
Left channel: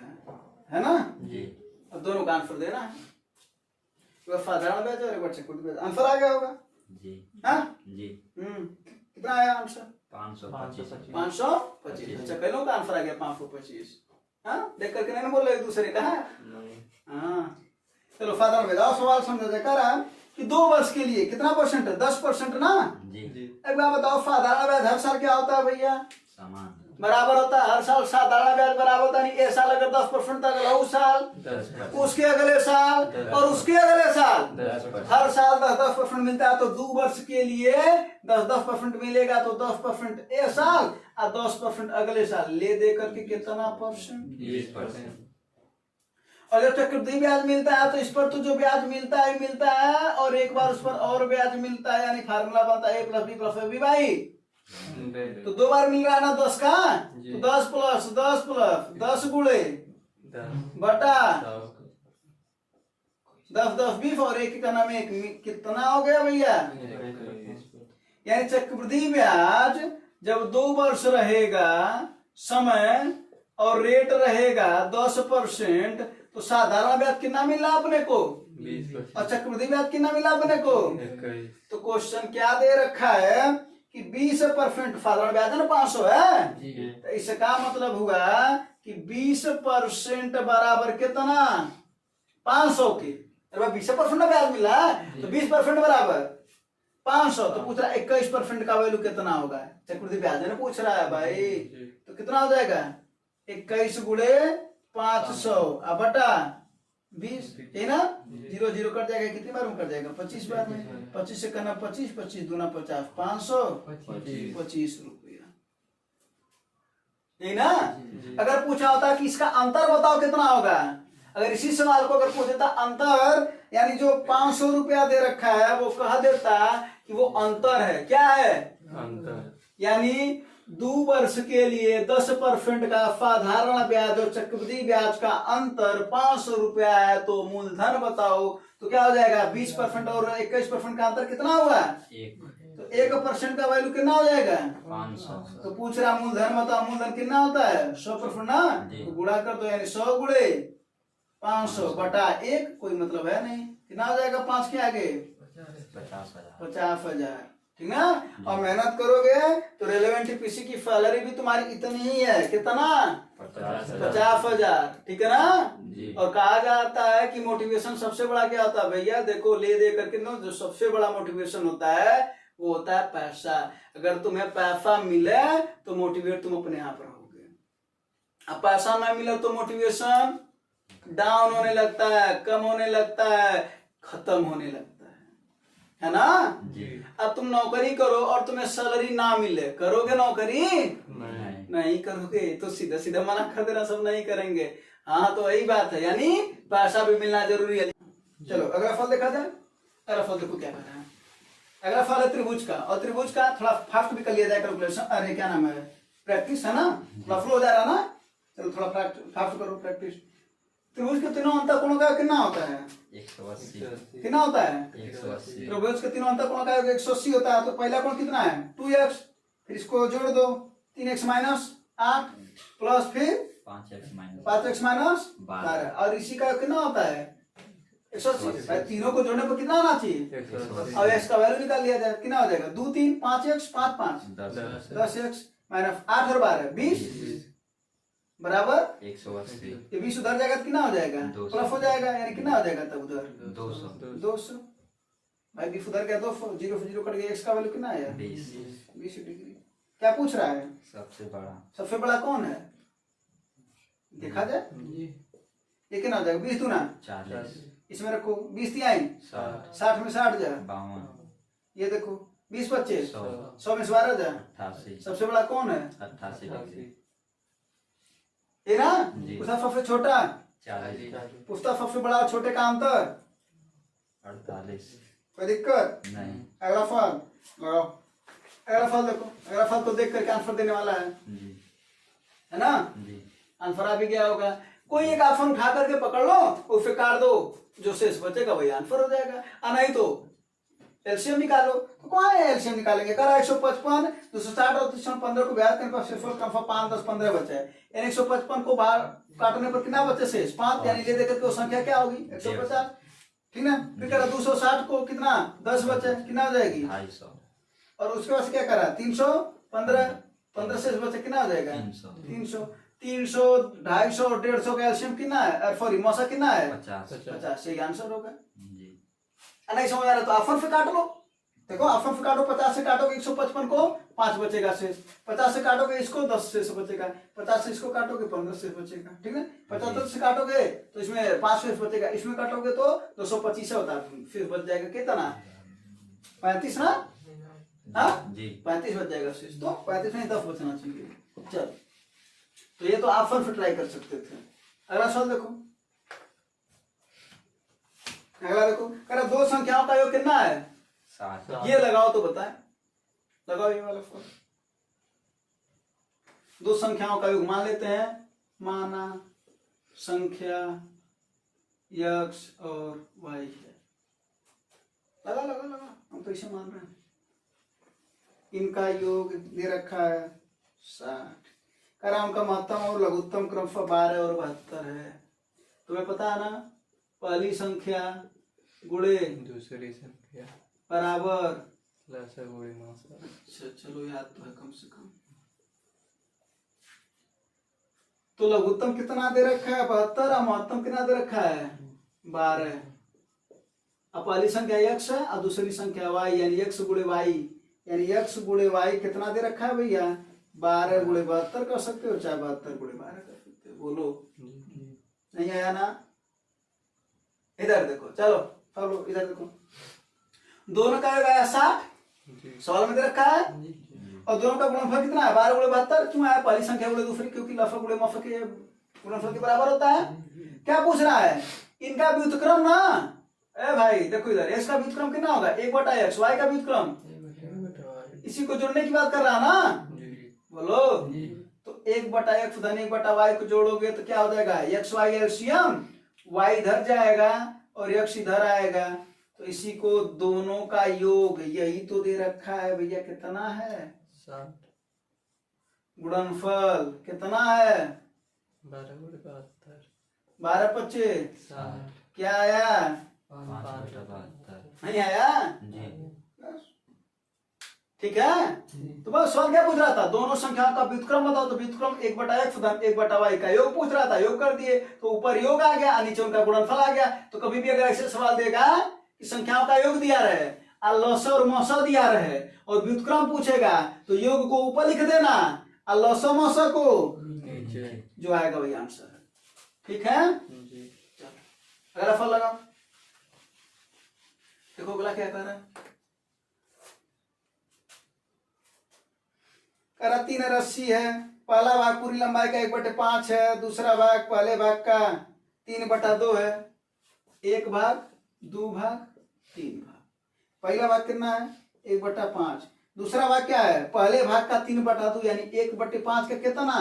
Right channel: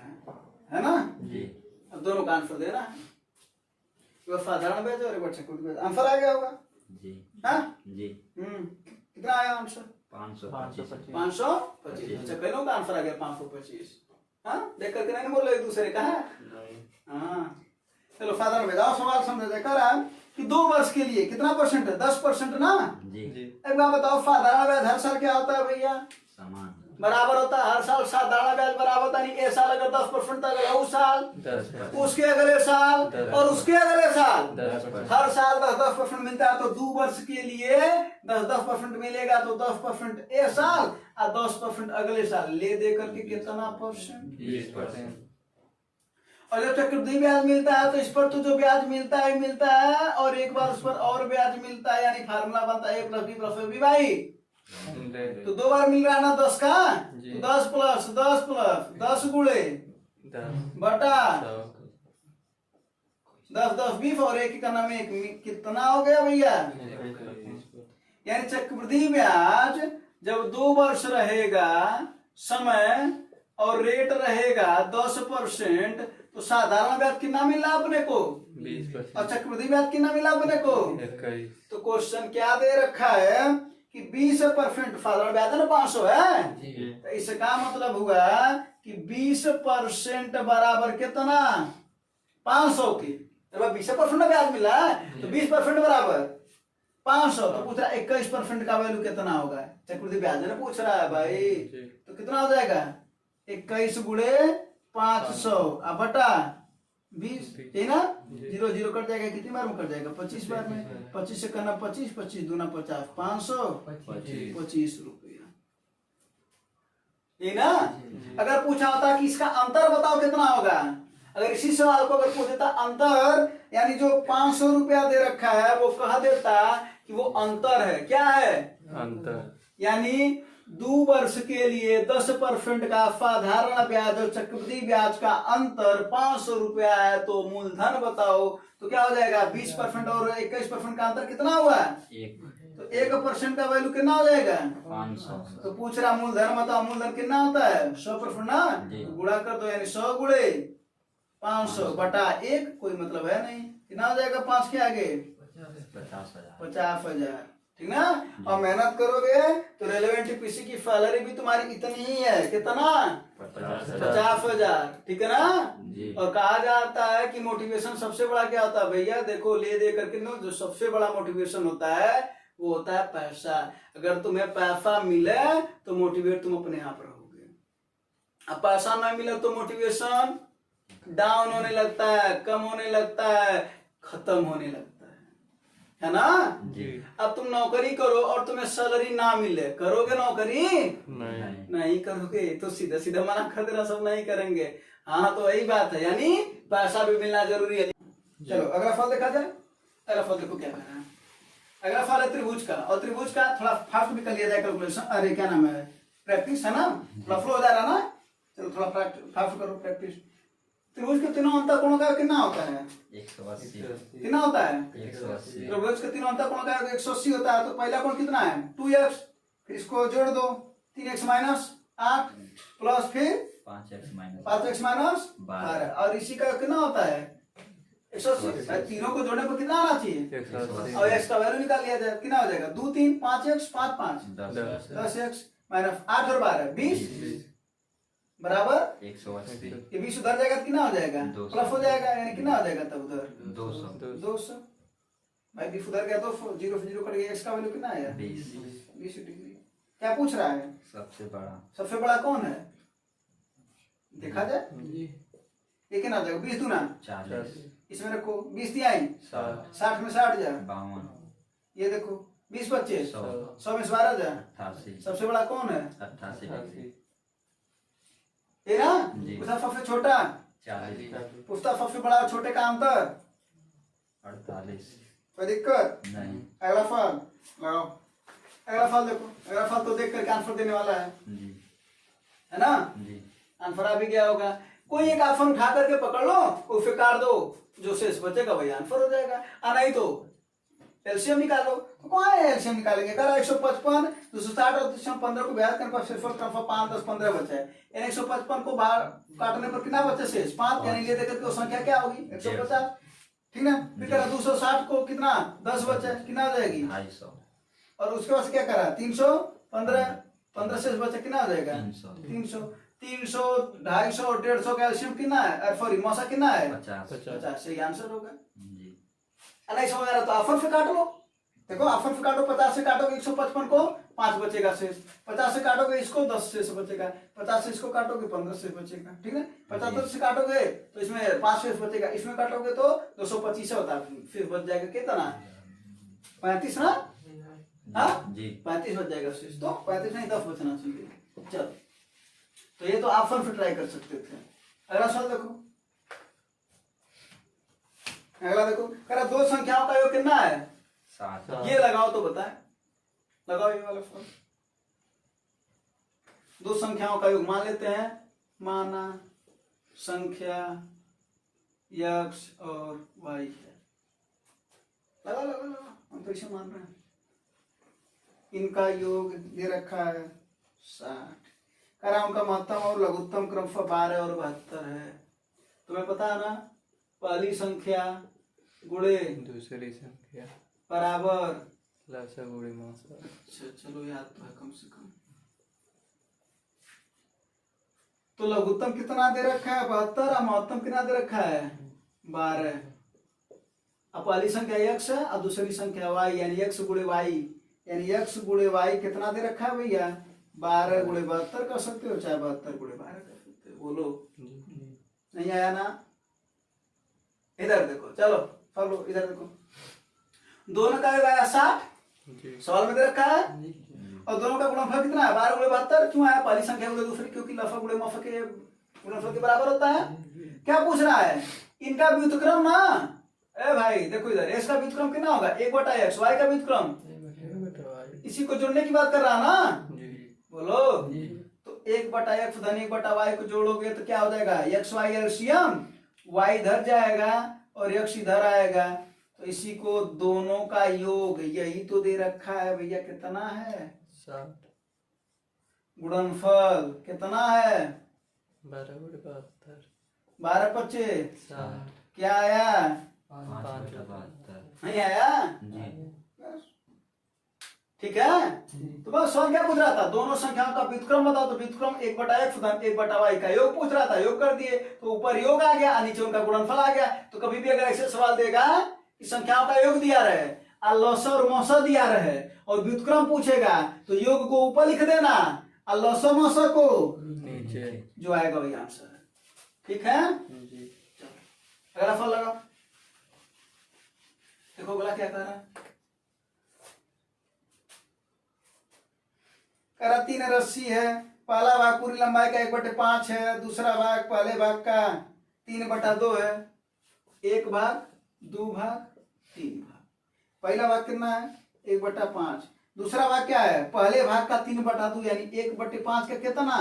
है ना? जी। अब दोनों का आंसर देना है, एक बार साधारण ब्याज और एक बार चक्रवृद्धि ब्याज। आंसर आ गया होगा? जी हाँ जी। कितना आया आंसर? 525। 525। अच्छा कई लोगों का आंसर आ गया 525। हाँ देख करके नहीं बोल रहे एक दूसरे का है। हाँ चलो साधारण ब्याज आओ, सवाल समझा जाए। कह रहा है कि 2 वर्ष के लिए कितना परसेंट है? 10% ना? जी। एक बार बताओ साधारण ब्याज हर साल क्या होता है भैया? समान बराबर होता है हर साल। साधारण ब्याज बराबर होता नहीं, ये साल अगर 10% था अगला उस साल 10%। उसके अगले साल और उसके अगले साल 10%। हर साल 10% मिलता है। तो 2 वर्ष के लिए 10% मिलेगा तो 10% ये साल और 10% अगले साल ले दे करके कितना परसेंट? 20%। और जब चक्रवृद्धि ब्याज मिलता है तो इस पर तो जो ब्याज मिलता है और एक बार उस पर और ब्याज मिलता है, यानी फार्मूला बनता है A+B+B तो 2 बार मिल रहा है ना 10 का, तो 10 प्लस 10 प्लस 10 गुणे बटा 10 10 20 और एक का नाम एक, कितना हो गया भैया? यानी चक्रवृद्धि ब्याज जब 2 वर्ष रहेगा समय और रेट रहेगा 10%, तो साधारण ब्याज कितना मिला अपने को? 20%। और चक्रवृद्धि ब्याज कितना मिला अपने को? 21। तो क्वेश्चन क्या दे रखा है कि 20% साधारण ब्याज है ना 500 है, तो इसका मतलब हुआ कि 20% बराबर कितना? 500 के। अरे 20% ब्याज मिला है तो 20% बराबर 500, तो पूछ रहा है 21% का वैल्यू कितना होगा? चक्रवृद्धि ब्याज ने पूछ रहा है भाई, तो कितना हो जाएगा? 21 गुणे 500 बटा 20, है ना? 0 0 कट जाएगा, कितनी बार में कट जाएगा? 25 बार में। 25 से करना 25, 25 दूना 50, 525 रुपया, है ना? अगर पूछा होता कि इसका अंतर बताओ कितना होगा, अगर इसी सवाल को अगर पूछ देता अंतर, यानी जो 500 रुपया दे रखा है वो कह देता कि वो अंतर है। क्या है? अंतर। यानी 2 वर्ष के लिए 10% का साधारण ब्याज और चक्रवृद्धि ब्याज का अंतर 500 रुपया है, तो मूलधन बताओ। तो क्या हो जाएगा? 20% और 21% का अंतर कितना हुआ? 1। तो 1% का वैल्यू कितना हो जाएगा? 500। तो पूछ रहा मूलधन बताओ, मूलधन कितना होता है? 100% ना? तो गुणा कर दो, यानी 100 गुणे 500 बटा 1, कोई मतलब है नहीं। कितना हो जाएगा 5 के आगे? 50,000। ठीक ना? और मेहनत करोगे तो रेलेवेंट पीसी की सैलरी भी तुम्हारी इतनी ही है, कितना? 50,000। ठीक है ना? और कहा जाता है कि मोटिवेशन सबसे बड़ा क्या होता है भैया? देखो ले दे करके ना, जो सबसे बड़ा मोटिवेशन होता है वो होता है पैसा। अगर तुम्हें पैसा मिले तो मोटिवेट तुम अपने आप रहोगे, अब पैसा ना मिले तो मोटिवेशन डाउन होने लगता है, कम होने लगता है, खत्म होने लगता है ना? अब तुम नौकरी करो और तुम्हें सैलरी ना मिले, करोगे नौकरी? नहीं करोगे, तो सीधा सीधा मना कर देना, सब नहीं करेंगे। हाँ तो वही बात है, यानी पैसा भी मिलना जरूरी है। चलो अगला फल देखा जाए। अगला फल देखो क्या कर रहा है। अगला फल है त्रिभुज का, और त्रिभुज का थोड़ा फास्ट भी कर लिया जाए कैलकुलेशन। अरे क्या नाम है, प्रैक्टिस है ना, थोड़ा फ्लो हो जा रहा ना। चलो थोड़ा फास्ट करो प्रैक्टिस। त्रिभुज के तीनों अंतःकोणों का कितना होता है? 180। कितना होता है? 180। त्रिभुज के तीनों अंतःकोणों का 180 होता है। तो पहला कोण कितना है? 2x, फिर इसको जोड़ दो 3x माइनस 8 प्लस फिर 5x माइनस 12, और इसी का कितना होता है? 180। भाई तीनों को जोड़ने पर कितना आना चाहिए? और x का वैल्यू निकाल लिया जाए, कितना हो जाएगा? 2 3 5x 5 5 10x माइनस 8 और 12 20 बराबर 180 ये 20 उधर जाएगा तो कितना हो जाएगा 200 प्लस हो जाएगा, यानी कितना हो जाएगा तब उधर 200 200। भाई 20 उधर गया 200, 0 से 0 कट गया, x का वैल्यू कितना आया 20 20 डिग्री। क्या पूछ रहा है? सबसे बड़ा सबसे बड़ा कौन है देखा जाए, जी ये कितना हो जाएगा 20 दूना 40 इसमें रखो, 20 दिया 60 60 में 60 जाए, 52 ये देखो 20 25 100 100 में 12 जाए। 88 सबसे बड़ा कौन है 88 डिग्री ये ना, जी। पूछा सबसे छोटा, 40 पूछता सबसे बड़ा और छोटे का अंतर, 48 कोई दिक्कत? नहीं अगला फल लगाओ, अगला फल देखो, अगला फल तो देख करके आंसर देने वाला जी है ना, जी आंसर आ भी गया होगा। कोई एक ऑप्शन उठा करके पकड़ लो, उसे काट दो, जो शेष बचेगा वही आंसर हो जाएगा। नहीं तो एलसीएम निकालो, तो कौन है एलसीएम निकालेंगे, करा 155 260 और 315 को ब्याज करने पर शेषफल कन्फर्म 5 10 15 बचा है, यानी 155 को बाहर काटने पर कितना बचे शेष 5, यानी ले देकर के वो संख्या क्या होगी 150, ठीक ना। फिर करा 260 को कितना 10 बचे, कितना हो जाएगी 250 और उसके बाद क्या करा 315 15 शेष बचे, कितना हो जाएगा 300 300 300 250 और 150 का एलसीएम कितना है, सॉरी मौसा कितना है 50 50, सही आंसर होगा। जी नहीं समझ आ रहा तो ऑप्शन से काट लो, देखो ऑप्शन से काटो, 50 से काटोगे 155 को 5 बचेगा शेष, 50 से काटोगे इसको 10 शेष बचेगा, 50 से इसको काटोगे 15 शेष बचेगा, ठीक है। 75 से काटोगे तो इसमें 5 शेष बचेगा, इसमें काटोगे तो 225 होता है, फिर बच जाएगा कितना 35 ना, हाँ जी 35 बच जाएगा शेष, तो 35 नहीं 10 बचना चाहिए। चलो तो ये तो ऑप्शन से ट्राई कर सकते थे। अगला सवाल देखो, अगला देखो, कह रहा दो संख्याओं का योग कितना है 60 ये लगाओ तो बताएं, लगाओ ये वाला फॉर्म। दो संख्याओं का योग मान लेते हैं, माना संख्या x और y है, लगा लगा लगा, हम तो इसे मान रहे हैं। इनका योग दे रखा है 60, कह रहा उनका महत्तम और लघुत्तम क्रमशः 12 और 72 है। तुम्हें पता है ना, पहली संख्या गुणे दूसरी संख्या बराबर, लसा गुणे मौसा। अच्छा चलो याद तो है कम से कम। तो लघुत्तम कितना दे रखा है 72 और महत्तम कितना दे रखा है 12। अब पहली संख्या x है और दूसरी संख्या y, यानी x गुणे y, यानी x गुणे y कितना दे रखा है भैया 12 गुणे 72 कर सकते हो, चाहे 72 गुणे 12 कर सकते हो, बोलो नहीं आया ना। इधर देखो, चलो चलो इधर देखो, दोनों का योग आया 60 सवाल में दे रखा है, और दोनों का गुणनफल कितना है 12 गुणे 72, क्यों आया पहली संख्या गुणे दूसरी, क्योंकि लफा गुणे मफा के गुणनफल के बराबर होता है। क्या पूछ रहा है, इनका व्युत्क्रम ना, ए भाई देखो इधर, x का व्युत्क्रम कितना होगा 1/x, y का व्युत्क्रम, इसी को जोड़ने की बात कर रहा है ना, बोलो। तो 1/x धन 1/y को जोड़ोगे तो क्या हो जाएगा x y एलसीएम, y इधर जाएगा और x इधर आएगा, तो इसी को दोनों का योग यही तो दे रखा है भैया, कितना है 60 गुणनफल कितना है 12 गुणे 72 12 25 60 क्या आया 5/72 नहीं आया, जी ठीक है। तो बस सवाल क्या पूछ रहा था, दोनों संख्याओं का व्युत्क्रम बताओ, तो व्युत्क्रम 1/x धन 1/y का योग पूछ रहा था, योग कर दिए तो ऊपर योग आ गया, नीचे उनका गुणनफल आ गया। तो कभी भी अगर ऐसे सवाल देगा कि संख्याओं का योग दिया रहे और लसा और मौसा दिया रहे और व्युत्क्रम पूछेगा, तो योग को ऊपर लिख देना और लसा मौसा को नीचे। जो आएगा वही आंसर है, ठीक है। जी अगला फल लगा, देखो बोला क्या कह रहा है, करा 3 रस्सी है, पहला भाग पूरी लंबाई का 1/5 है, दूसरा भाग पहले भाग का 3/2 है, एक भाग 2 भाग 3 भाग। पहला भाग कितना है 1/5, दूसरा भाग क्या है पहले भाग का 3/2, यानी 1/5 का कितना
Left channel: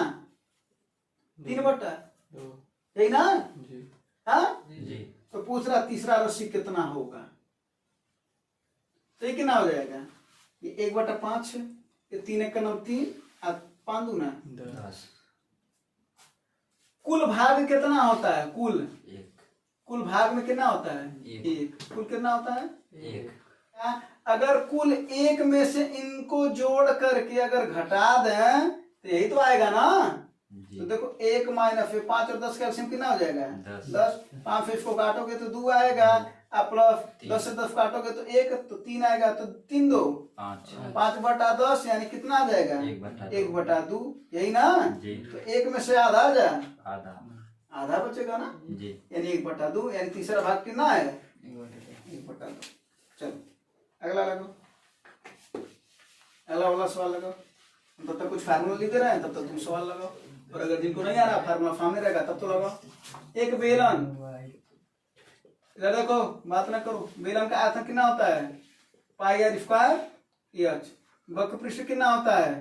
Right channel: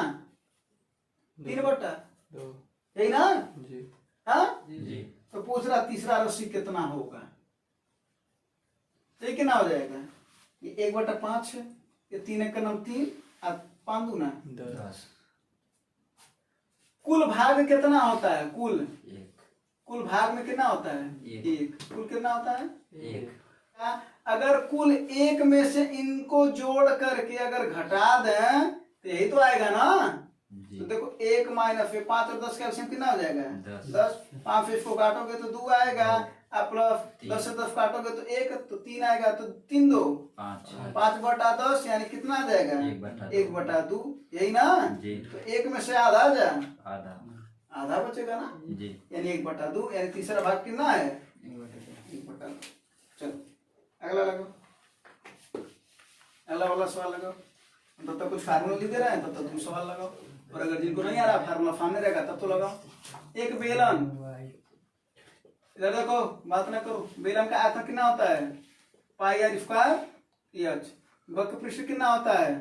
3/2, यही ना, जी हाँ जी तो पूछ रहा तीसरा रस्सी कितना होगा, तो ये कितना हो जाएगा, ये 1/5 है, ये 3 का नाम 3 और 5 दूना 10 कुल भाग कितना होता है, कुल 1 कुल भाग में कितना होता है एक। 1, कुल कितना होता है 1 अगर कुल 1 में से इनको जोड़ करके अगर घटा दें तो यही तो आएगा ना, तो देखो 1 माइनस फिर 5 और 10 का एलसीएम कितना हो जाएगा 10। 5 से इसको काटोगे तो 2 आएगा, अब प्लस 10 से 10 काटोगे तो 1 तो 3 आएगा, तो 3 2 5/10 यानी कितना आ जाएगा 1/2, यही ना। जी। तो 1 में से आधा आ जाए, आधा आधा बचेगा ना, जी। यानी 1/2 यानी तीसरा भाग कितना है 1/2। चलो अगला लगाओ, अगला वाला सवाल लगाओ। तब तक कुछ फार्मूला लिख रहे हैं, तब तक तुम सवाल लगाओ, और अगर जिनको नहीं आ रहा फार्मूला सामने रहेगा तब तो लगाओ। एक बेलन, इधर देखो बात ना करो, बेलन का आयतन कितना होता है πr² h, वक्र पृष्ठ कितना होता है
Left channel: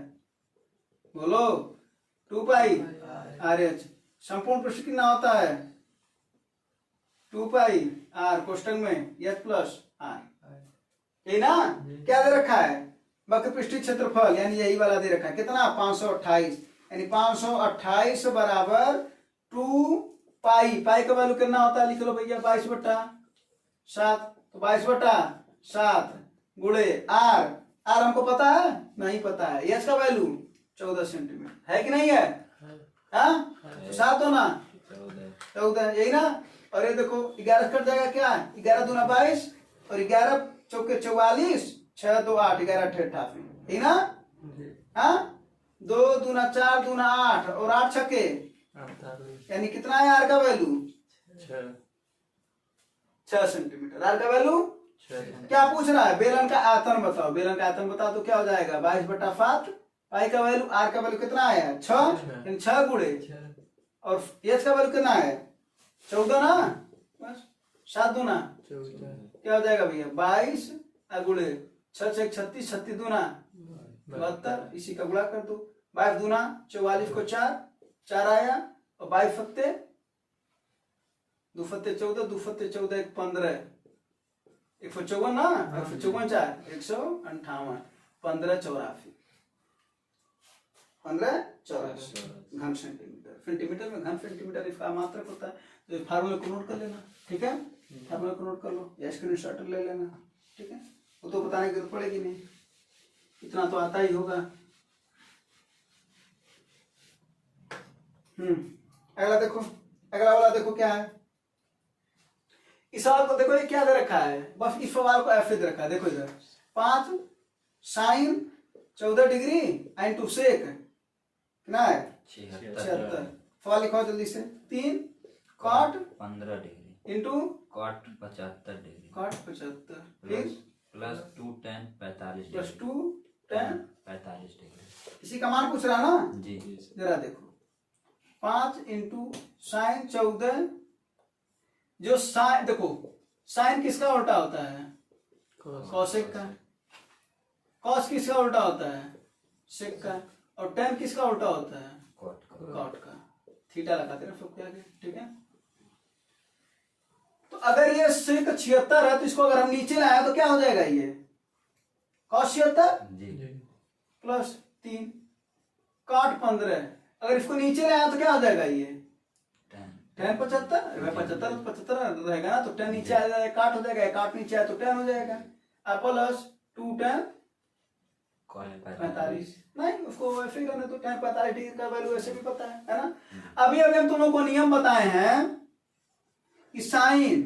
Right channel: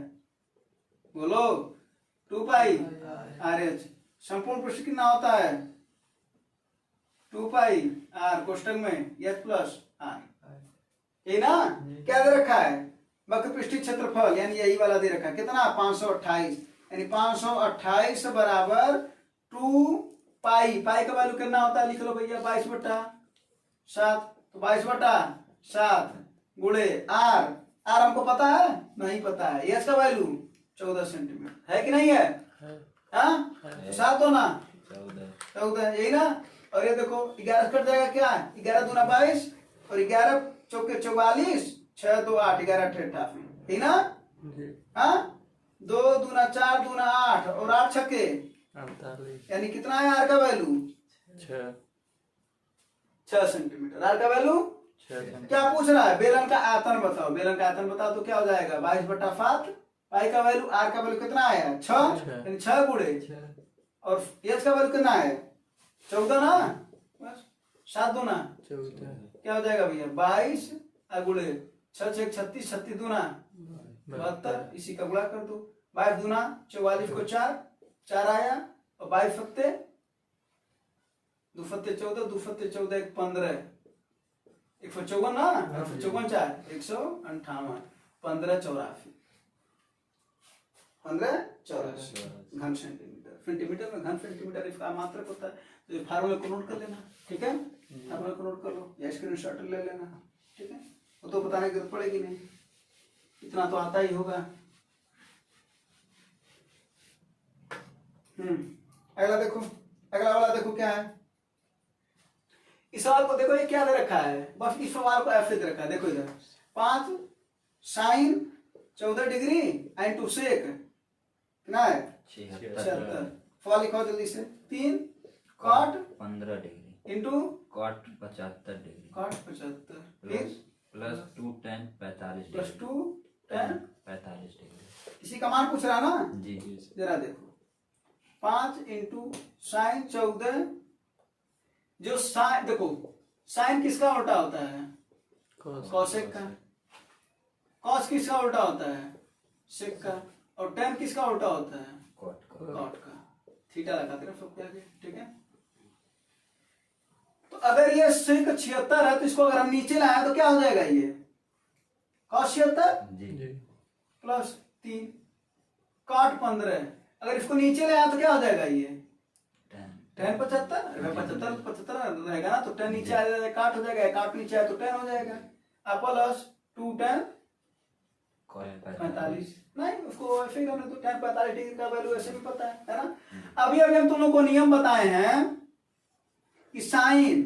बोलो 2πr/h, संपूर्ण पृष्ठ कितना होता है 2πr कोष्ठक में h+r, ये ना। क्या दे रखा है वक्र पृष्ठीय क्षेत्रफल, यानी यही वाला दे रखा है कितना 528, यानी 528 बराबर 2π, पाई का वैल्यू कितना होता है लिख लो भैया 22/7, तो 22/7 गुणे r, r हमको पता है नहीं पता है, एच का वैल्यू 14 सेंटीमीटर है कि नहीं है, हाँ तो 7 दो ना 14 यही ना। और ये देखो 11 कट जाएगा क्या, 11 दूना 22 और 11 चौके 44, 6 2 8, 11 8 88, यही ना। हाँ 2 दूना 4 दूना 8 और 8 छक्के 48, यानी कितना है आर का वैल्यू 6 सेंटीमीटर, आर का वैल्यू 6 क्या पूछ रहा है बेलन का आयतन बताओ, बेलन का आयतन बताओ तो क्या हो जाएगा 22/7, पाई का वैल्यू आर का वैल्यू कितना आया 6, यानी 6 गुणे, और एच का वैल्यू कितना है 14 ना, बस 7 दूना 14, क्या हो जाएगा भैया 22 गुणे 6 6 36, 36 दूना 72, इसी का गुणा कर दो, 22 दूना 44 को 4 आया, और 22 फत्ते 2 फत्ते 14, 2 फत्ते 14 1 15, 154 ना, 154 4 158, 1584, 1584 घन सेंटीमीटर, सेंटीमीटर में घन सेंटीमीटर इसका मात्रक होता है, तो फार्मूला को नोट कर लेना, ठीक है, फार्मूला को नोट कर लो या स्क्रीनशॉट ले लेना, ठीक है, वो तो बताने की जरूरत पड़ेगी नहीं, इतना तो आता ही होगा। अगला देखो, अगला वाला देखो क्या है, इस सवाल को देखो ये क्या दे रखा है, बस इस सवाल को ऐसे दे रखा है, देखो इधर 5 sin 14 डिग्री एंड टू सेक कितना है 76, सवाल लिखो जल्दी से, 3 cot 15 degree into cot 75 degree cot 75 फिर plus 2 tan 45 plus degree 2 tan 45 degree, इसी का मान पूछ रहा है ना, जी। जरा देखो 5 इंटू साइन 14, जो साइन देखो साइन किसका उल्टा होता है कौशिक का, कॉस किसका उल्टा होता है सेक का, और टेन किसका उल्टा होता है कॉट का, थीटा लगाते हैं सबके आगे, ठीक है। तो अगर ये सेक 76 है तो इसको अगर हम नीचे लाए तो क्या हो जाएगा ये कॉस 76 जी। प्लस 3 कॉट 15, अगर इसको नीचे ले आया तो क्या हो जाएगा ये 10 75 75 रहेगा ना, तो 10 नीचे आ जाएगा काट हो जाएगा, काट नीचे आया तो 10 हो जाएगा, प्लस 2 10 45, नहीं उसको ऐसे ही रहने तो 10 45 डिग्री का वैल्यू ऐसे भी पता है ना। अभी अभी हम तुम लोग को नियम बताए हैं कि साइन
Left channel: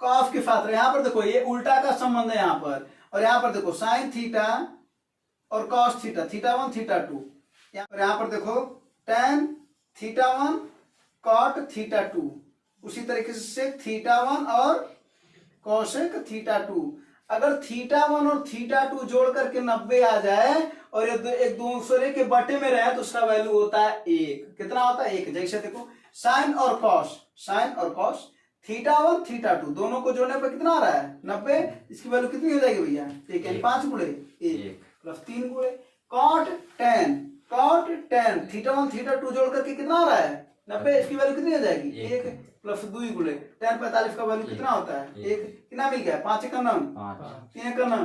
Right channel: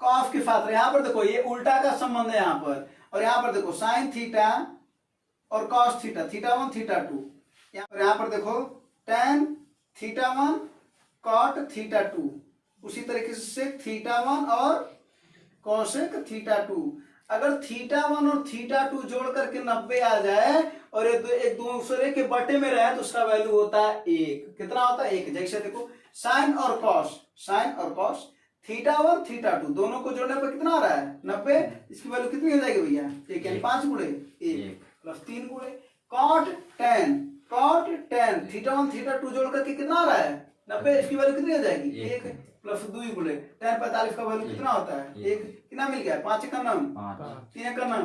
कॉस के साथ, यहाँ पर देखो ये उल्टा का संबंध है यहाँ पर, और यहाँ पर देखो साइन थीटा और कॉस थीटा, थीटा 1 थीटा 2, यहाँ पर देखो tan थीटा 1 कॉट थीटा 2, उसी तरीके से थीटा 1 और कोसेक थीटा 2, अगर थीटा 1 और थीटा 2 जोड़ करके 90 आ जाए और ये एक दूसरे के बटे में रहे तो उसका वैल्यू होता है 1, कितना होता है 1, जैसे देखो साइन और कॉस थीटा 1 थीटा 2 दोनों को जोड़ने पर कितना आ रहा है 90, इसकी वैल्यू कितनी हो जाएगी भैया 1, यानी 5 गुणे 1 प्लस 3 गुणे कॉट tan थीटा 1 थीटा 2 जोड़ करके कितना आ रहा है 90, इसकी वैल्यू कितनी हो जाएगी 1 प्लस 2 गुणे tan 45 का वैल्यू कितना होता है 1, कितना मिल गया 5 का नाम 3 का नाम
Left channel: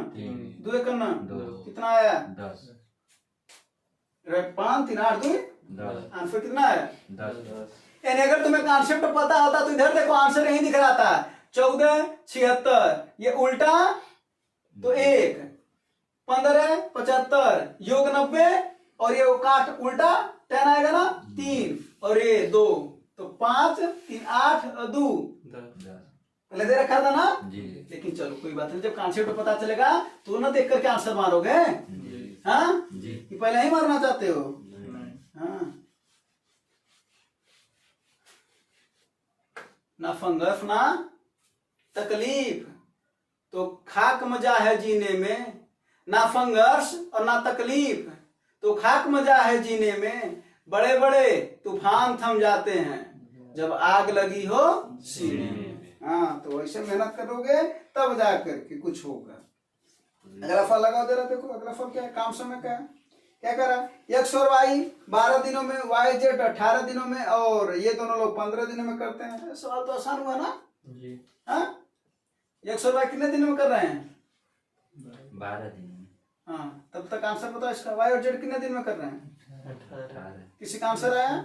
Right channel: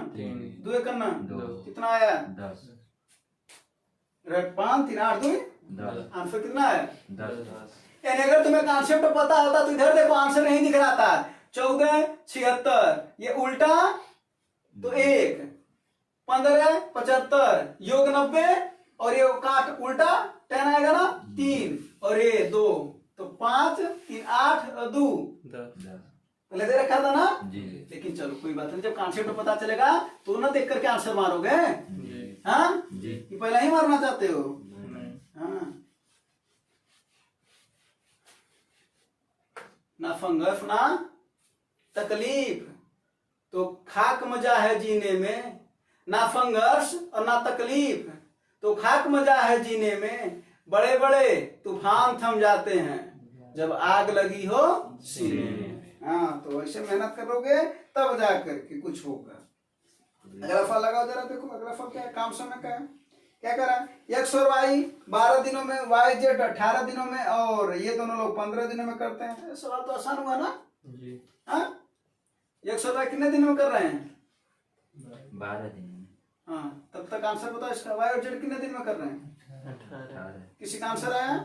2 का नाम कितना आया 10, 5 3 8 2 आंसर कितना है 10। यानी अगर तुम्हें कॉन्सेप्ट पता होता तो इधर देखो आंसर नहीं दिख रहा था 14 76, ये उल्टा तो 1 15 75 योग 90 और ये काट उल्टा 10 आएगा ना, 3 और ये 2, तो 5 3 8 और 2 10 पहले दे रखा था ना। जी लेकिन चलो कोई बात नहीं, जब कॉन्सेप्ट पता चलेगा तो ना देख करके आंसर मारोगे। जी हाँ जी कि पहले ही मारना चाहते हो। नहीं हाँ ना फंगस ना तकलीफ, तो खाक मजा है जीने में, ना फंगस और ना तकलीफ, तो खाक मजा है जीने में, बड़े बड़े तूफान थम जाते हैं जब आग लगी हो सीने में। हाँ तो ऐसे मेहनत करोगे तब जा करके कुछ होगा। अगला फल लगाओ जरा, देखो अगला फल क्या है, काम समय का है। क्या करा, एक्स और वाई 12 दिनों में, वाई जेड 18 दिनों में, और ये दोनों लोग 15 दिनों में करते हैं। सवाल तो आसान हुआ ना। जी हाँ एक्स और वाई कितने दिन में कर रहे हैं? 12 दिन में हाँ तब तक आंसर बताओ इसका। वाई और जेड कितने दिन में कर रहे हैं? 18 किसी का आंसर आया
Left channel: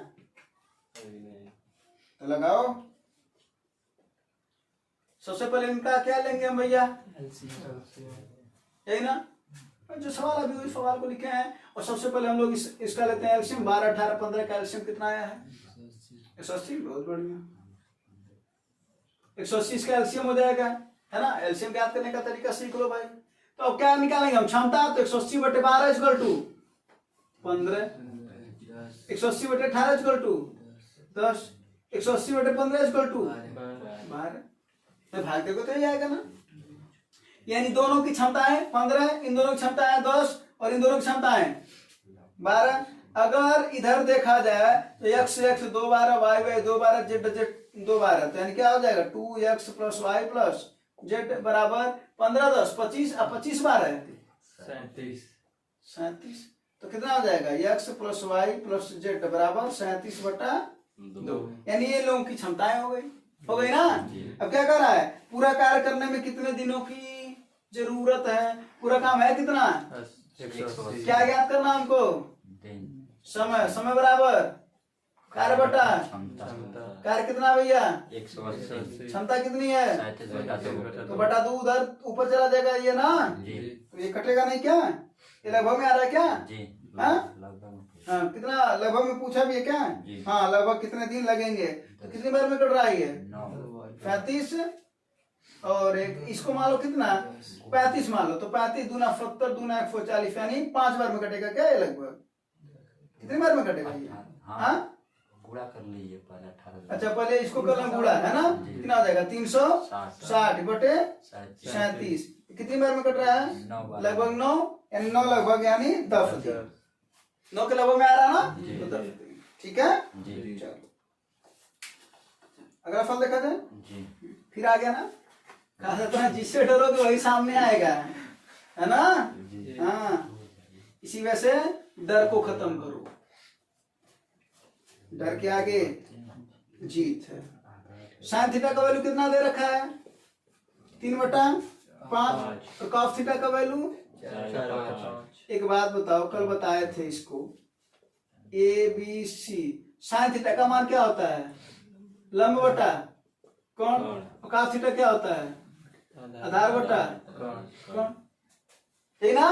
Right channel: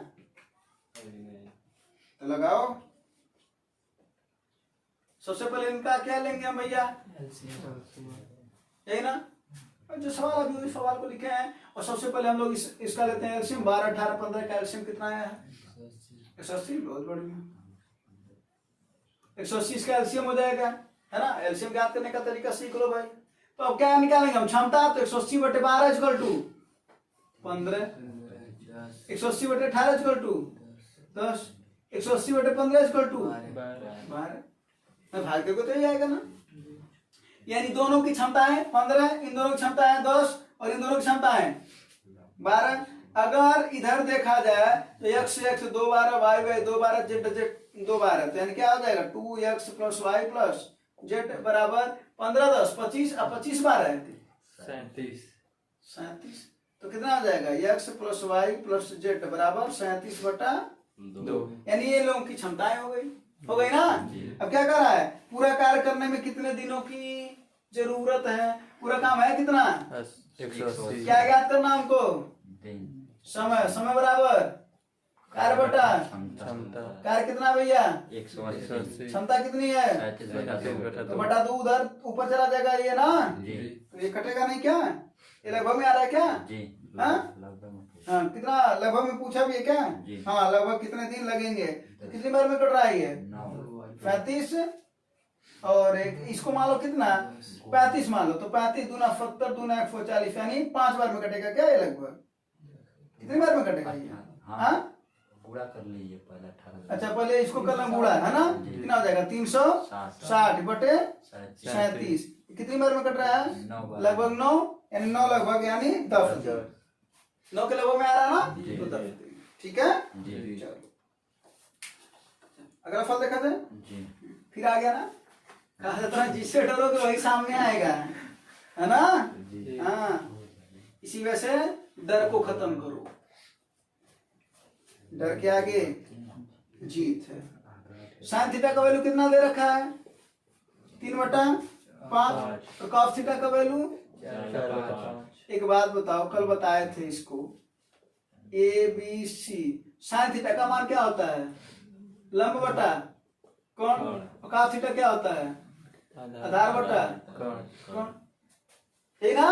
तो लगाओ। सबसे पहले इनका क्या लेंगे हम भैया, यही ना जो सवाल अभी उस सवाल को लिखे हैं। और सबसे पहले हम लोग इसका लेते हैं एल्शियम। 12 18 15 का एल्शियम कितना आया है? 180। बहुत बढ़िया, 180 इसका एल्शियम हो जाएगा, है ना। एल्शियम ज्ञात करने का तरीका सीख लो भाई। तो अब क्या निकालेंगे हम, क्षमता। तो 180 बटे 12 इक्वल टू 15, 180 बटे 18 इक्वल टू 10, 180 बटे 15 इक्वल टू 12। भाग देखो तो यही आएगा ना। यानी दोनों की क्षमता है 15, इन दोनों की क्षमता है 10, और इन दोनों की क्षमता है 12। अगर इधर देखा जाए तो x x 2 12, y y 2 12, z z 2 12, तो यानी क्या हो जाएगा 2x plus y plus z बराबर 15 10 25, अब 25 12 है 37। तो कितना हो जाएगा, x plus y plus z बराबर 37 बटा 2। यानी ये लोगों की क्षमताएं हो गई ना। अब क्या कर रहा है, पूरा कार्य करने में कितने दिनों की जरूरत है, पूरा काम है कितना, 180 क्या ज्ञात करना हमको, दिन समय। समय बराबर कार्य बटा कार्य कितना भैया, 180 क्षमता कितनी है, 37 बटा 2 तो बटा 2 उधर ऊपर चला जाएगा ये ना, जी तो ये कटेगा नहीं क्या, ये लगभग में आ रहा है क्या। जी हाँ? लगभग हाँ कितना लगभग में पूछा भी है क्या। जी। हाँ लगभग कितने दिन लगेंगे, तो कितनी बार में कट रहा है ये 35, और इसको मान लो कितना 35 मान लो, तो 35 दूना 70 दूना 140, यानी 5 बार में कटेगा क्या ये लगभग, कितनी बार में कटेगा ये। हाँ गुणा कर लीजिए पहले 18। अच्छा पहले इसको कर लें गुणा, है ना, कितना हो जाएगा 360 बटे 37, कितनी बार में कट रहा है, लगभग 9, यानी 9 लगभग यानी 10 दिन, 9 के लगभग में आ रहा ना, जी। तो 10 दिन। ठीक है, जी चलो अगला फल देखा जाए। जी फिर आ गया ना, कहा जाता है जिससे डरोगे वही सामने आएगा, है ना। जी हाँ इसी वजह से डर को खत्म करो, डर के आगे जीत है। साइन थीटा का वैल्यू कितना दे रखा है, 3/5, और कॉस थीटा का वैल्यू। 4/5 एक बात बताओ, कल बताए थे इसको, A B C, sine theta का मान क्या होता है, लंब बटा कौन, और कॉस थीटा क्या होता है, आधार बटा कौन, यही ना।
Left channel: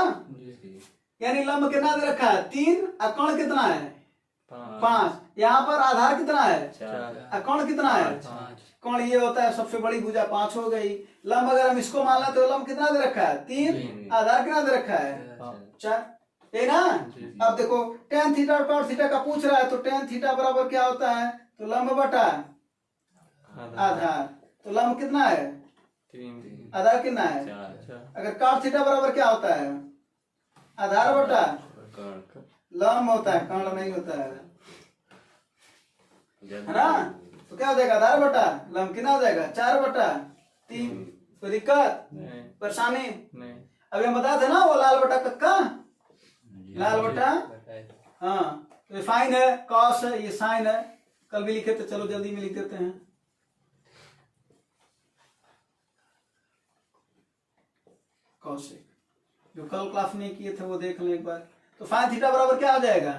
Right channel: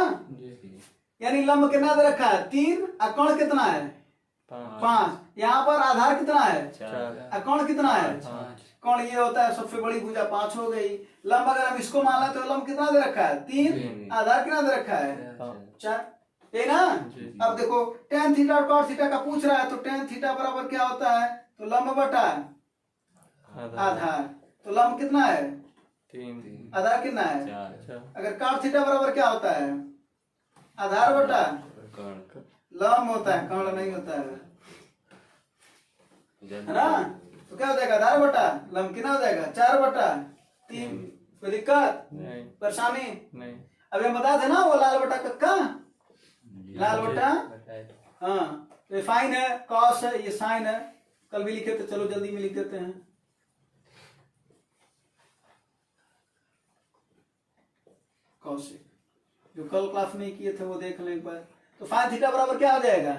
यानी लंब कितना दे रखा है 3, और कोण कितना है 5, यहाँ पर आधार कितना है 4 और कोण कितना है, कोण ये होता है सबसे बड़ी भुजा 5 हो गई। लंब अगर हम इसको मान लें तो लंब कितना दे रखा है 3, आधार कितना दे रखा है 4, यही ना। अब देखो tan थीटा और cos थीटा का पूछ रहा है, तो tan थीटा बराबर क्या होता है, तो लंब बटा आधार, तो लंब कितना है 3 आधार कितना है। 4 अगर cos थीटा बराबर क्या होता है, आधार बटा लंब होता है, कर्ण नहीं होता है ना। तो क्या हो जाएगा, आधार बटा लंब कितना हो जाएगा 4/3। कोई दिक्कत नहीं परेशानी। नहीं अभी हम बताए थे ना वो लाल बटा कक्का, लाल बटा, बताए हाँ ये फाइन है, कॉस है, ये साइन है, कल भी लिखे थे, चलो जल्दी में लिख देते हैं। कॉसेक जो कल क्लास में किए थे वो देख लो एक बार। तो फाइन थीटा बराबर क्या हो जाएगा,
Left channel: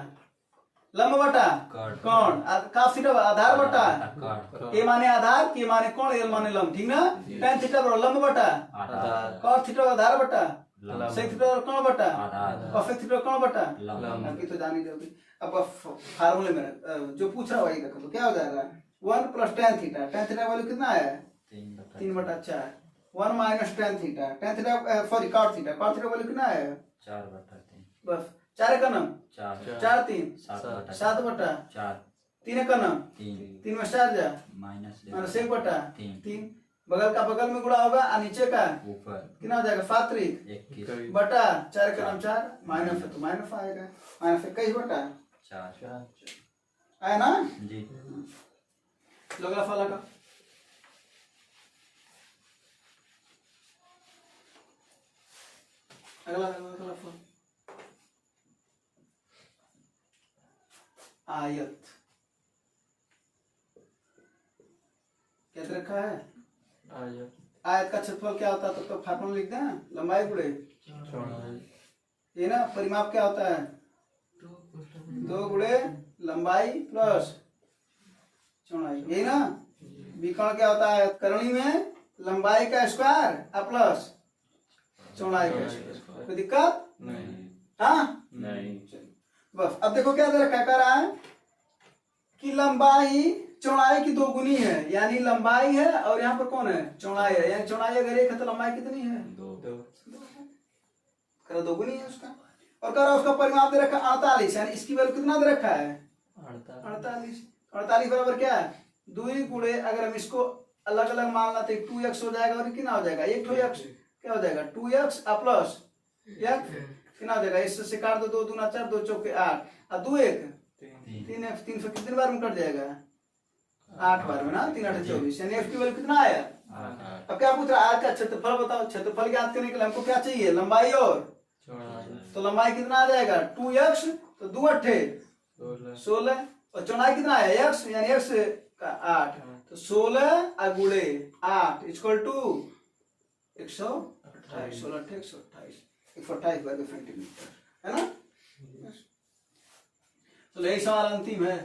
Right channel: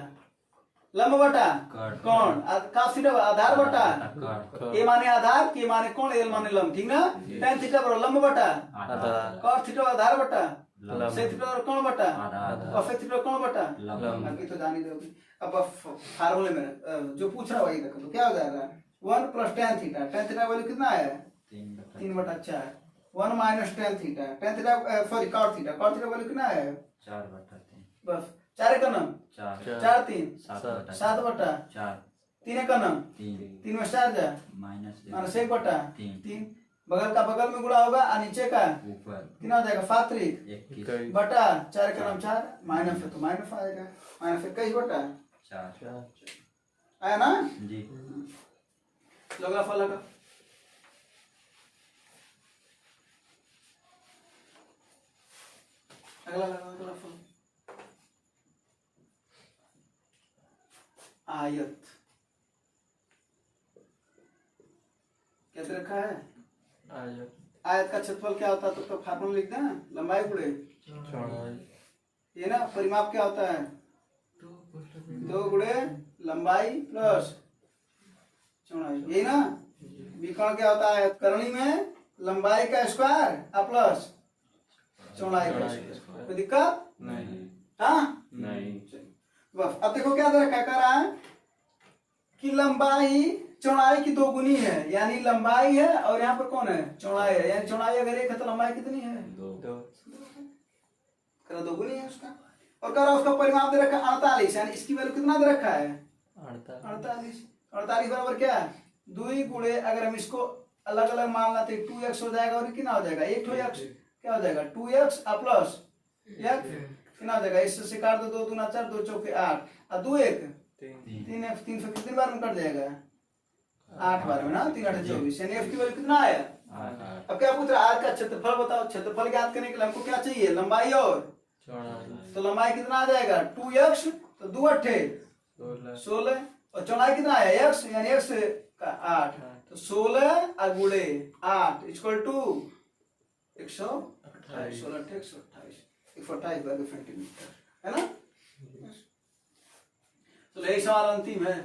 लंब बटा कर्ण। कोण, cos थीटा आधार बटा कर्ण। ए माने आधार, के माने कोण, एल माने लंब, ठीक ना। tan थीटा बराबर लंब बटा आधार। cos थीटा आधार बटा लंब। sec थीटा कोण बटा आधार। और sec थीटा कोण बटा लंब। बाकी तो जान ही दोगे। अब फार्मूले में जो पूछ रहा वही रखो, तो क्या हो जाएगा 1 plus tan theta, tan theta value कितना है 3/4, 1 minus tan theta, tan theta sorry cot theta value कितना है 4/3। बस 4 का नाम 4 4 3 7/4। 7/4 3 का नाम 3 में 4 जा माइनस 1 बटा 3। 3 बगल का बगल में गुणा होगा और नीचे का ऊपर कितना हो जाएगा 7 3 21 बटा 4 का नाम 4 माइनस है तो माइनस आएगा, माइनस 21 बटा 4 आया ना। जी। अगला फल का अगला फल आयत कैसे रखा है। आयत का क्षेत्रफल क्या होता है तो फार्मूला लिख दें, लंबाई गुणे ये ना, परिमाप क्या होता है 2 गुणे लंबाई प्लस चौड़ाई, यही ना। विकर्ण क्या होता है करणी में लंबाई का स्क्वायर प्लस चौड़ाई का स्क्वायर, कोई दिक्कत हाँ नहीं। बस। अब देखो क्या दे रखा कर रहा है कि लंबाई चौड़ाई की 2 गुनी है, यानी लंबाई है और यहाँ पर कौन है चौड़ाई है, यानी चौड़ाई अगर 1 है तो लंबाई कितनी है 2 गुनी है उसका। और कह रहा है उसका परिमाप दे रखा 48, यानी इसकी वैल्यू कितना दे रखा है 48 बराबर क्या है 2 गुणे, अगर हम इसको अलग अलग मानना तो 2x हो जाएगा और कितना हो जाएगा 1x, क्या हो जाएगा 2x प्लस x कितना हो जाएगा, इससे से काट दो 2 दूना 4 2 चौके 8 और 2 1 3x 300 कितनी बार में कट जाएगा 8 बार में ना, 3 8 24, यानी f की वैल्यू कितना आया। अब क्या पूछ रहा है आयत का क्षेत्रफल बताओ, क्षेत्रफल ज्ञात करने के लिए हमको क्या चाहिए लंबाई और तो लंबाई कितना आ जाएगा 2x तो 2 8 16 और चौड़ाई कितना है x, यानी x का 8 तो 16 गुणे 8 इक्वल टू 128, 16 128 वर्ग सेंटीमीटर है ना। तो यही सवाल अंतिम है।